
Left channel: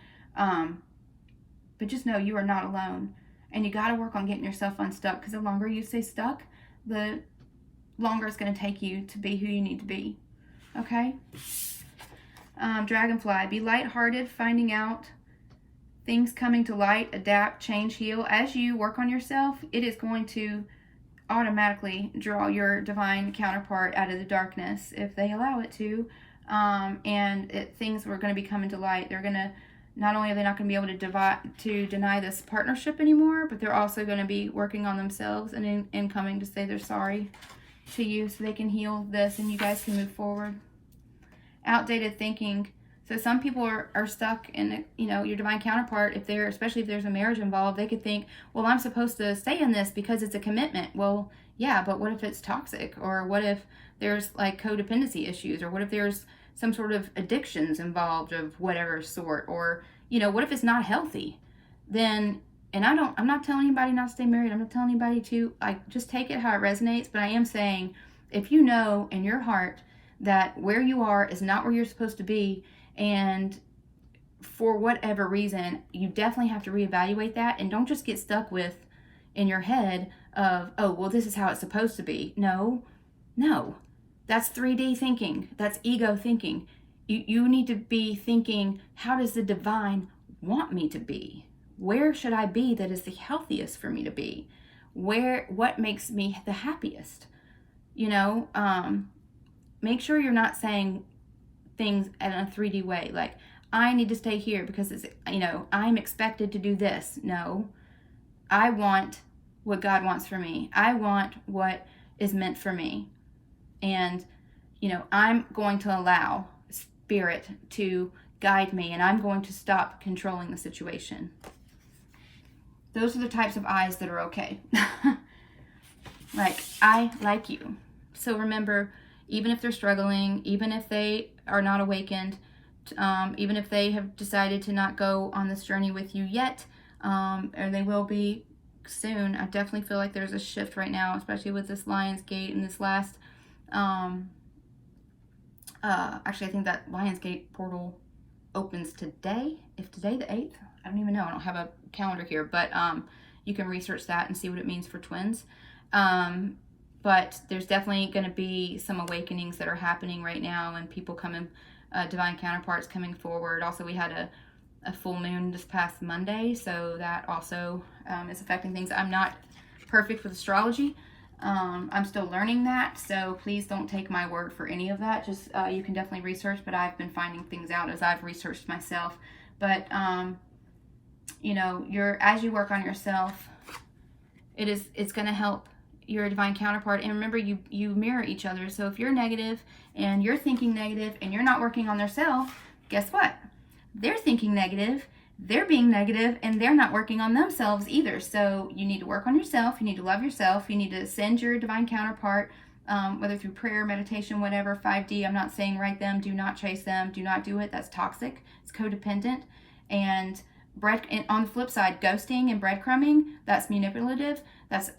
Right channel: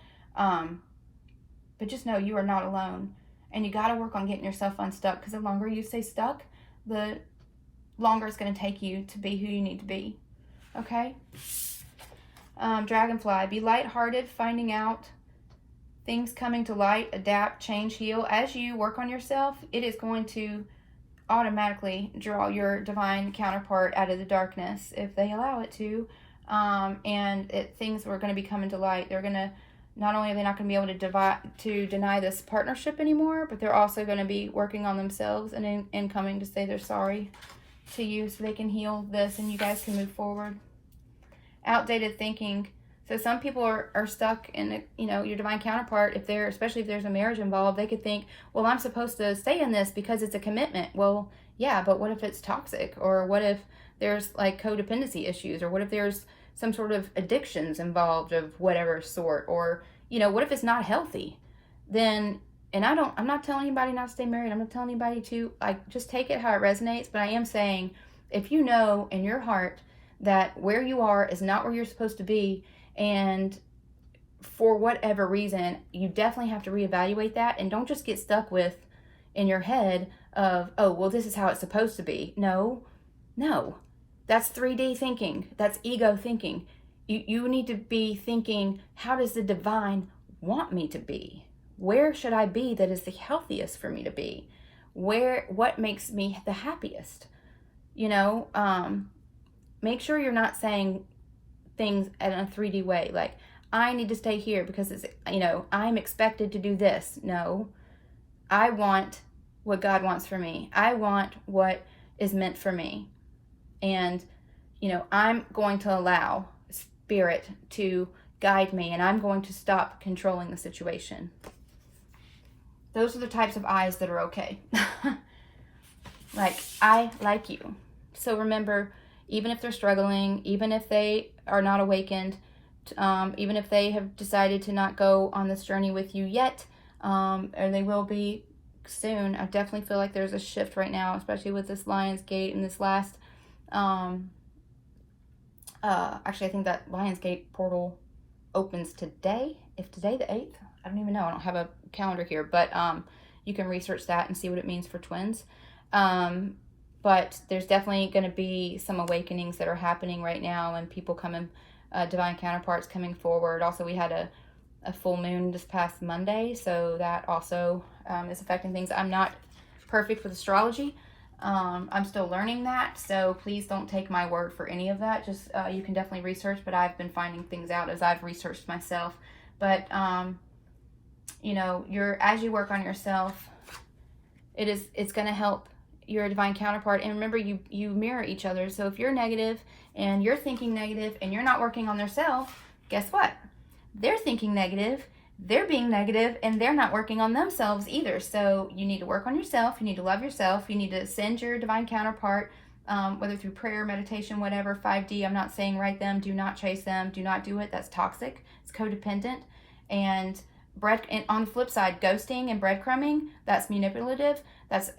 But just know you are not alone. And you got to work on getting yourself unstuck, because the longer you stay stuck, the longer it's going to take you to be who you need to be. Okay? Dragonfly, be lighthearted, finding out things coming to light, adapt, change, heal. As you work on yourself, it is going to automatically draw your divine counterpart out of the darkness if they allow it to. Things are going to be coming to light. They're going to, not only are they not going to be able to deny this partnership anymore, but they're also going to be working on themselves and coming to say they're sorry to you so they can heal this and you guys can move forward. Outdated thinking. So some people are stuck in, you know, your divine counterpart, especially if there's a marriage involved, they could think, well, I'm supposed to stay in this because it's a commitment. Well, yeah, but what if it's toxic? Or what if there's like codependency issues? Or what if there's some sort of addictions involved of whatever sort? Or, you know, what if it's not healthy? Then, and I'm not telling anybody not to stay married. I'm not telling anybody to, like, just take it how it resonates. But I am saying, if you know in your heart that where you are is not where you're supposed to be, and for whatever reason, you definitely have to reevaluate that. And don't just get stuck with in your head of, oh, well, this is how it's supposed to be. No. That's 3D thinking. That's ego thinking. You need to be thinking, how does the divine want me to be? Where should I be that is the healthiest for me to be? What makes me the happiest? You know, make sure you're not saying things in a 3D way, like, I need to stay here because it's, you know, I'm expected to do this. No, I want what God wants for me. I want what is meant for me. And you know, I'm going to allow spirit to guide me, and I'm going to stop controlling the situation. Those are the types of eyes that are okay. Like, I like you. So remember, even if they're struggling, even if they are not awakened, even if they have decided to not go on this journey with you yet, or they will be soon, I definitely feel like there's a shift right now, especially with this Lion's Gate and this last, actually I think that Lion's Gate portal opens today. If today the 8th, I don't even know, I don't have a calendar here, but you can research that and see what it means for twins. But there's definitely going to be some awakenings that are happening right now, and people coming, divine counterparts coming forward. Also, we had a full moon this past Monday, so that also is affecting things. I'm not perfect with astrology. I'm still learning that, so please don't take my word for any of that. Just you can definitely research, but I've been finding things out as I've researched myself. But you know, as you work on yourself, it's going to help your divine counterpart. And remember, you mirror each other. So if you're negative and you're thinking negative and you're not working on their self, guess what? They're thinking negative, they're being negative, and they're not working on themselves either. So you need to work on yourself. You need to love yourself. You need to send your divine counterpart, whether through prayer, meditation, whatever. 5D, I'm not saying write them, do not chase them, do not do it. That's toxic. It's codependent. And on the flip side, ghosting and breadcrumbing, that's manipulative. That's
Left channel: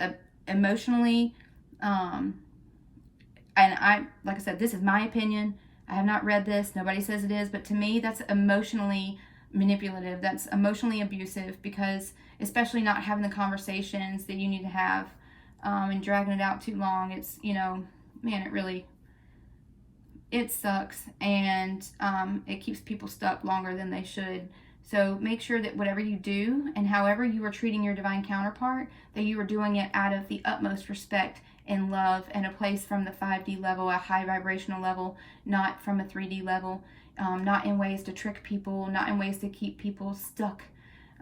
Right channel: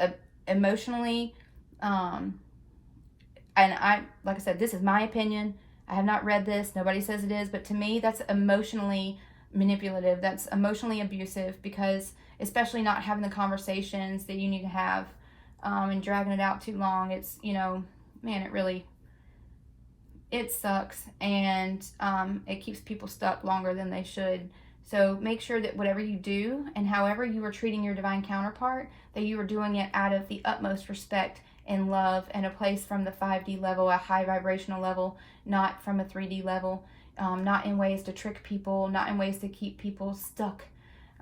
emotionally, and like I said, this is my opinion. I have not read this. Nobody says it is, but to me, that's emotionally manipulative. That's emotionally abusive, because especially not having the conversations that you need to have, and dragging it out too long. It's, you know, man, it sucks, and it keeps people stuck longer than they should. So make sure that whatever you do and however you are treating your divine counterpart, that you are doing it out of the utmost respect and love, and a place from the 5D level, a high vibrational level, not from a 3D level, not in ways to trick people, not in ways to keep people stuck.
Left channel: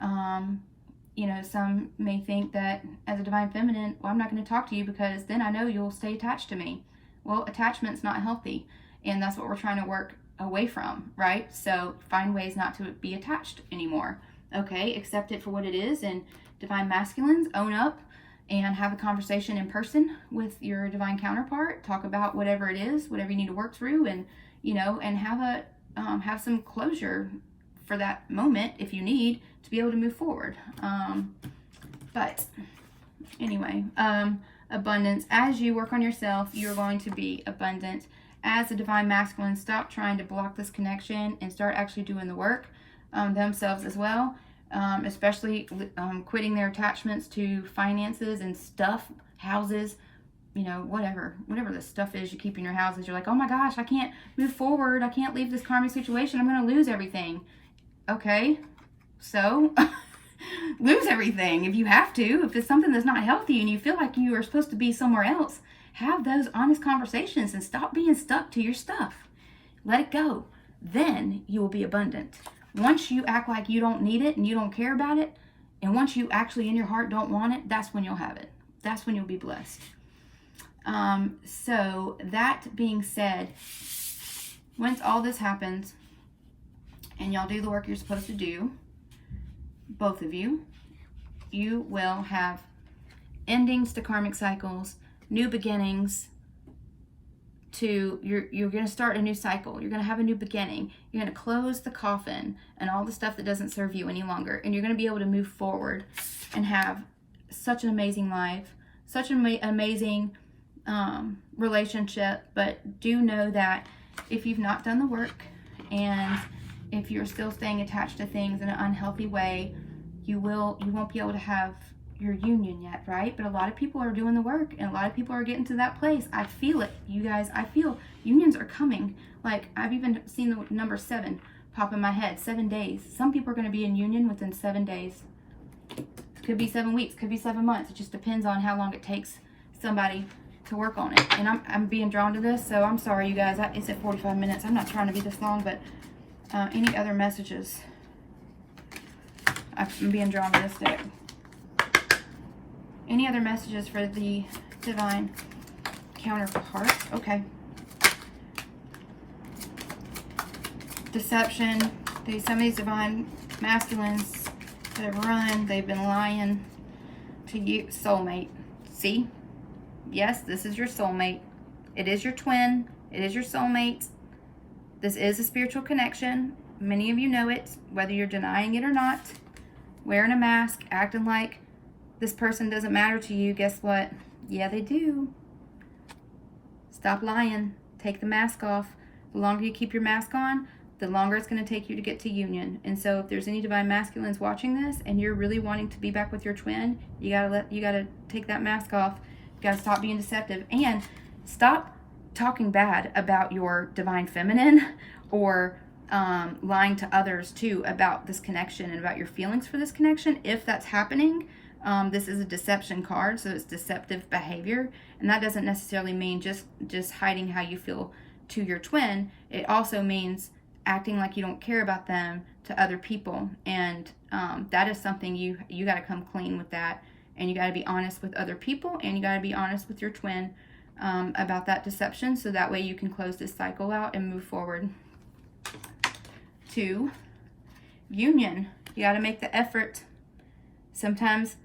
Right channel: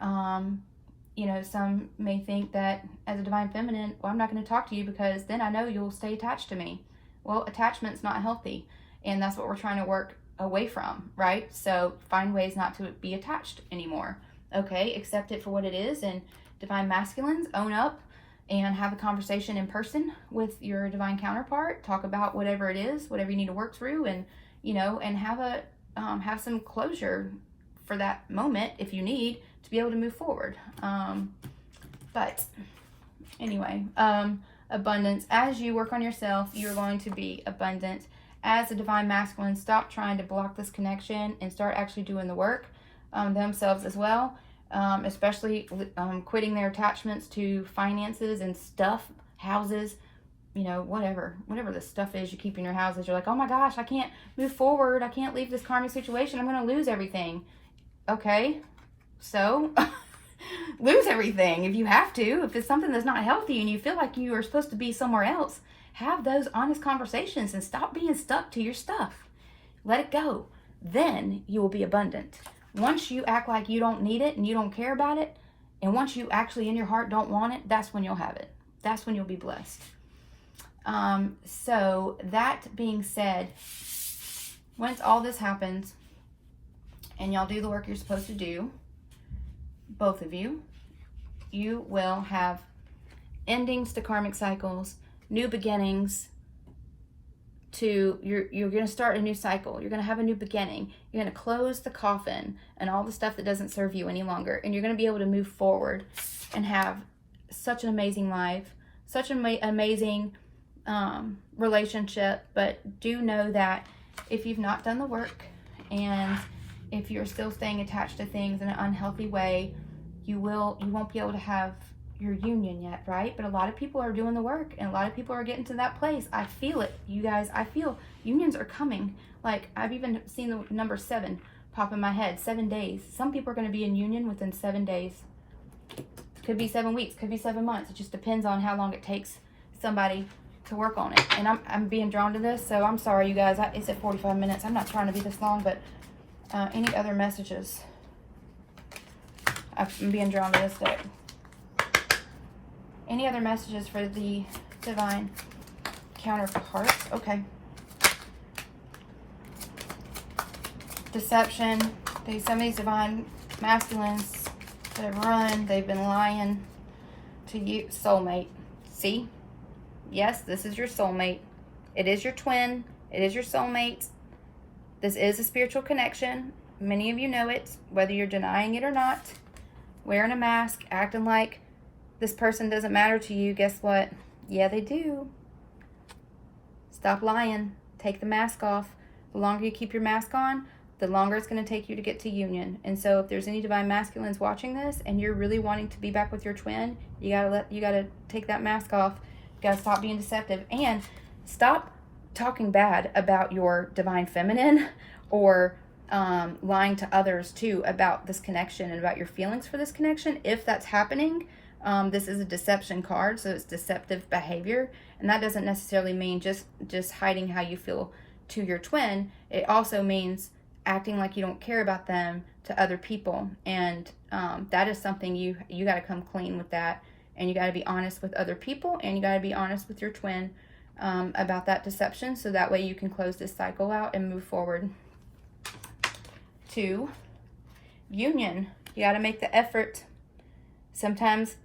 You know, some may think that as a divine feminine, well, I'm not going to talk to you because then I know you'll stay attached to me. Well, attachment's not healthy, and that's what we're trying to work away from, right? So find ways not to be attached anymore. Okay, accept it for what it is. And divine masculines, own up and have a conversation in person with your divine counterpart. Talk about whatever it is, whatever you need to work through, and you know, and have some closure for that moment if you need to be able to move forward. But anyway, abundance. As you work on yourself, you're going to be abundant. As a divine masculine, stop trying to block this connection and start actually doing the work themselves as well, especially quitting their attachments to finances and stuff, houses, you know, whatever the stuff is you keep in your houses. You're like, oh my gosh, I can't move forward. I can't leave this karmic situation. I'm going to lose everything. Okay, so lose everything if you have to. If it's something that's not healthy and you feel like you are supposed to be somewhere else, have those honest conversations and stop being stuck to your stuff. Let it go. Then you will be abundant. Once you act like you don't need it and you don't care about it, and once you actually in your heart don't want it, that's when you'll have it. That's when you'll be blessed. So that being said, once all this happens and y'all do the work you're supposed to do, both of you, you will have endings to karmic cycles, new beginnings. You're going to start a new cycle. You're going to have a new beginning. You're going to close the coffin and all the stuff that doesn't serve you any longer, and you're going to be able to move forward and have such an amazing life, such an amazing relationship. But do know that if you've not done the work, and if you're still staying attached to things in an unhealthy way, you won't be able to have your union yet, right? But a lot of people are doing the work, and a lot of people are getting to that place. I feel it, you guys. I feel unions are coming. Like, I've even seen the number 7 pop in my head. 7 days. Some people are going to be in union within 7 days. Could be 7 weeks, could be 7 months. It just depends on how long it takes somebody to work on it. And I'm being drawn to this, so I'm sorry, you guys. It's at 45 minutes. I'm not trying to be this long, but any other messages? I'm being drawn to this day. Any other messages for the divine counterpart? Okay. deception. Some of these divine masculines that have run, they've been lying to you. Soulmate. See? Yes, this is your soulmate. It is your twin. It is your soulmate. This is a spiritual connection. Many of you know it, whether you're denying it or not. Wearing a mask, acting like this person doesn't matter to you. Guess what? Yeah, they do. Stop lying. Take the mask off. The longer you keep your mask on, the longer it's going to take you to get to union. And so if there's any divine masculines watching this and you're really wanting to be back with your twin, you gotta take that mask off. You gotta stop being deceptive and stop talking bad about your divine feminine or lying to others too about this connection and about your feelings for this connection. If that's happening, this is a deception card, so it's deceptive behavior, and that doesn't necessarily mean just hiding how you feel to your twin. It also means acting like you don't care about them to other people, and that is something you got to come clean with that, and you got to be honest with other people, and you got to be honest with your twin about that deception, so that way you can close this cycle out and move forward. 2, union. You got to make the effort. Sometimes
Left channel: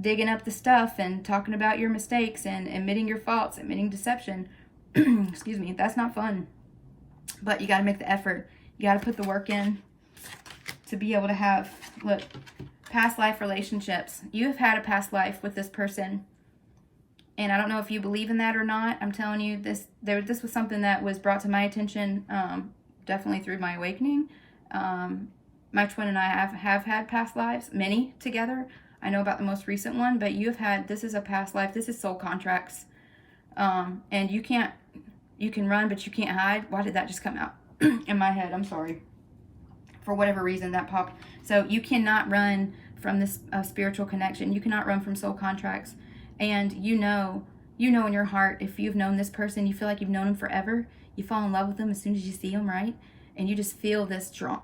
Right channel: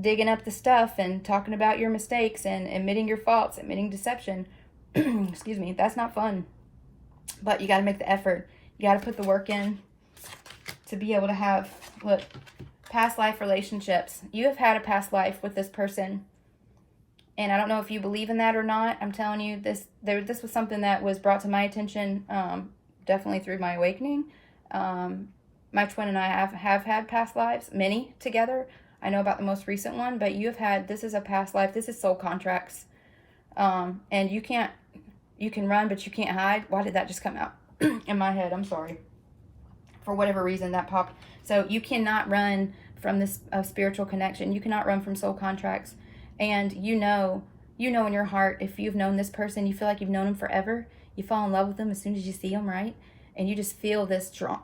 digging up the stuff and talking about your mistakes and admitting your faults, admitting deception, excuse me, that's not fun. But you got to make the effort. You got to put the work in to be able to have, look, past life relationships. You have had a past life with this person. And I don't know if you believe in that or not. I'm telling you, this was something that was brought to my attention definitely through my awakening. My twin and I have had past lives, many together. I know about the most recent one, but this is a past life. This is soul contracts. And you can run, but you can't hide. Why did that just come out in my head? I'm sorry. For whatever reason that popped. So you cannot run from this spiritual connection. You cannot run from soul contracts. And you know in your heart, if you've known this person, you feel like you've known them forever. You fall in love with them as soon as you see them, right? And you just feel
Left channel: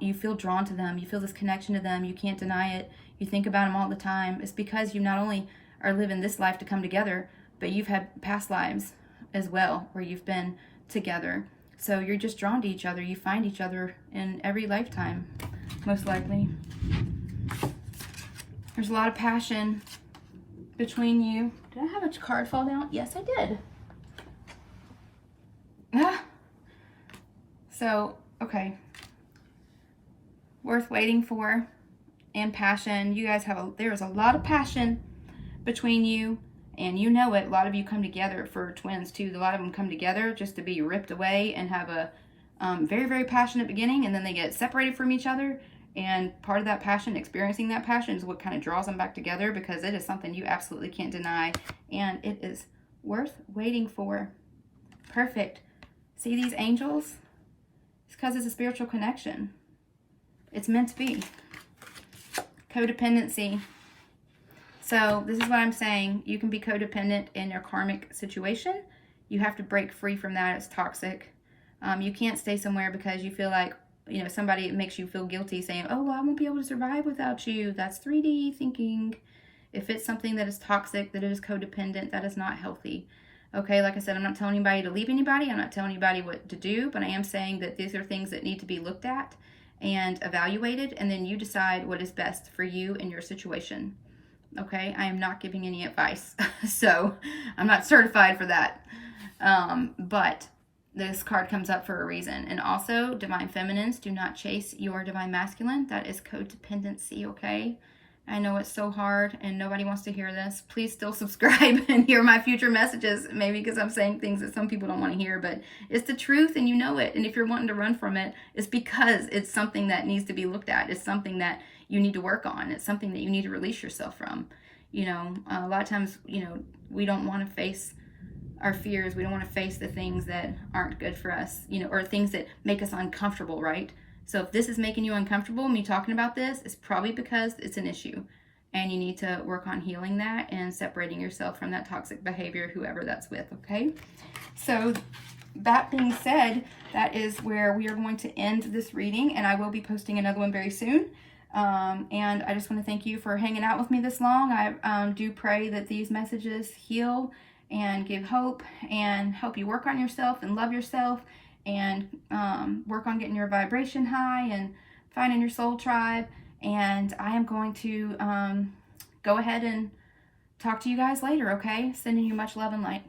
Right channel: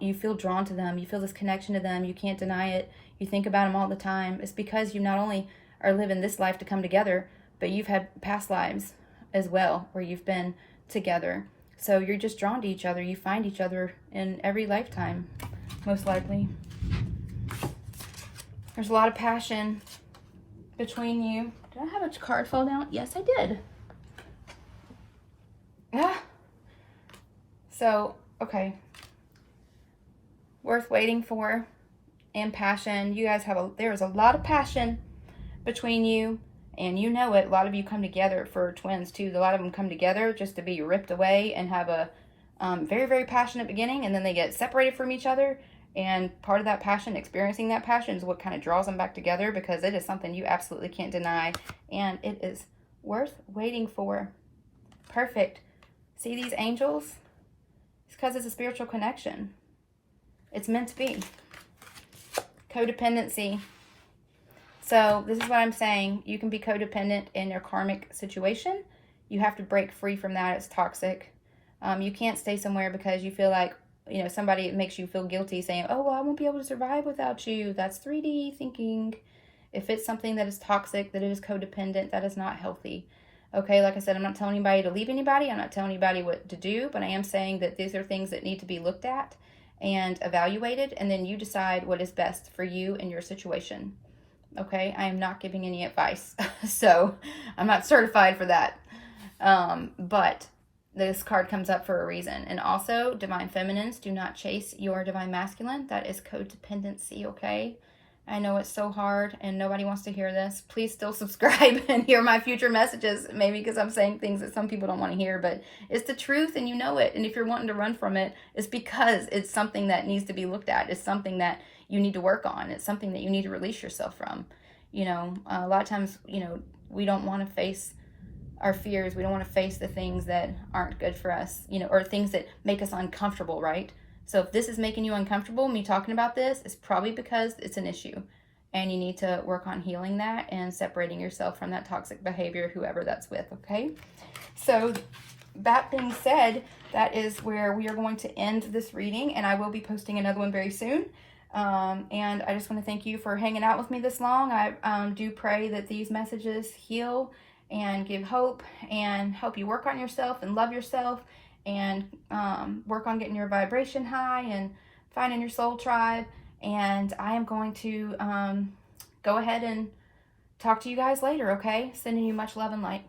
you feel drawn to them. You feel this connection to them. You can't deny it. You think about them all the time. It's because you not only are living this life to come together, but you've had past lives as well where you've been together. So you're just drawn to each other. You find each other in every lifetime, most likely. There's a lot of passion between you. Did I have a card fall down? Yes, I did. Ah. So, okay. Worth waiting for. And passion. You guys there is a lot of passion between you, and you know it. A lot of you come together for twins too. A lot of them come together just to be ripped away and have a very, very passionate beginning, and then they get separated from each other. And part of that passion, experiencing that passion, is what kind of draws them back together, because it is something you absolutely can't deny, and it is worth waiting for. Perfect. See these angels? It's because it's a spiritual connection. It's meant to be. Codependency. So this is what I'm saying. You can be codependent in your karmic situation. You have to break free from that. It's toxic. You can't stay somewhere because you feel like, somebody makes you feel guilty, saying, oh, well, I won't be able to survive without you. That's 3D thinking. If it's something that is toxic, that it is codependent, that is not healthy. Okay, like I said, I'm not telling anybody to leave anybody. I'm not telling anybody what to do, but I am saying that these are things that need to be looked at and evaluated, and then you decide what is best for you and your situation. Okay, I am not giving any advice, so I'm not certified for that. But this card comes up for a reason. And also, divine feminines, do not chase your divine masculine. That is codependency, okay? I know it's so hard and nobody wants to hear this. Please still subscribe and hear my future messages. Maybe because I'm saying things that some people don't want to hear, but it's the truth and you know it. And if you're wanting to run from it, it's because it's something that needs to be looked at. It's something that you need to work on. It's something that you need to release yourself from. A lot of times, we don't want to face our fears. We don't want to face the things that aren't good for us, or things that make us uncomfortable, right? So if this is making you uncomfortable, me talking about this, it's probably because it's an issue. And you need to work on healing that and separating yourself from that toxic behavior, whoever that's with, okay? So that being said, that is where we are going to end this reading, and I will be posting another one very soon. And I just want to thank you for hanging out with me this long. I do pray that these messages heal and give hope and help you work on yourself and love yourself and work on getting your vibration high and finding your soul tribe. And I am going to go ahead and talk to you guys later, okay? Sending you much love and light.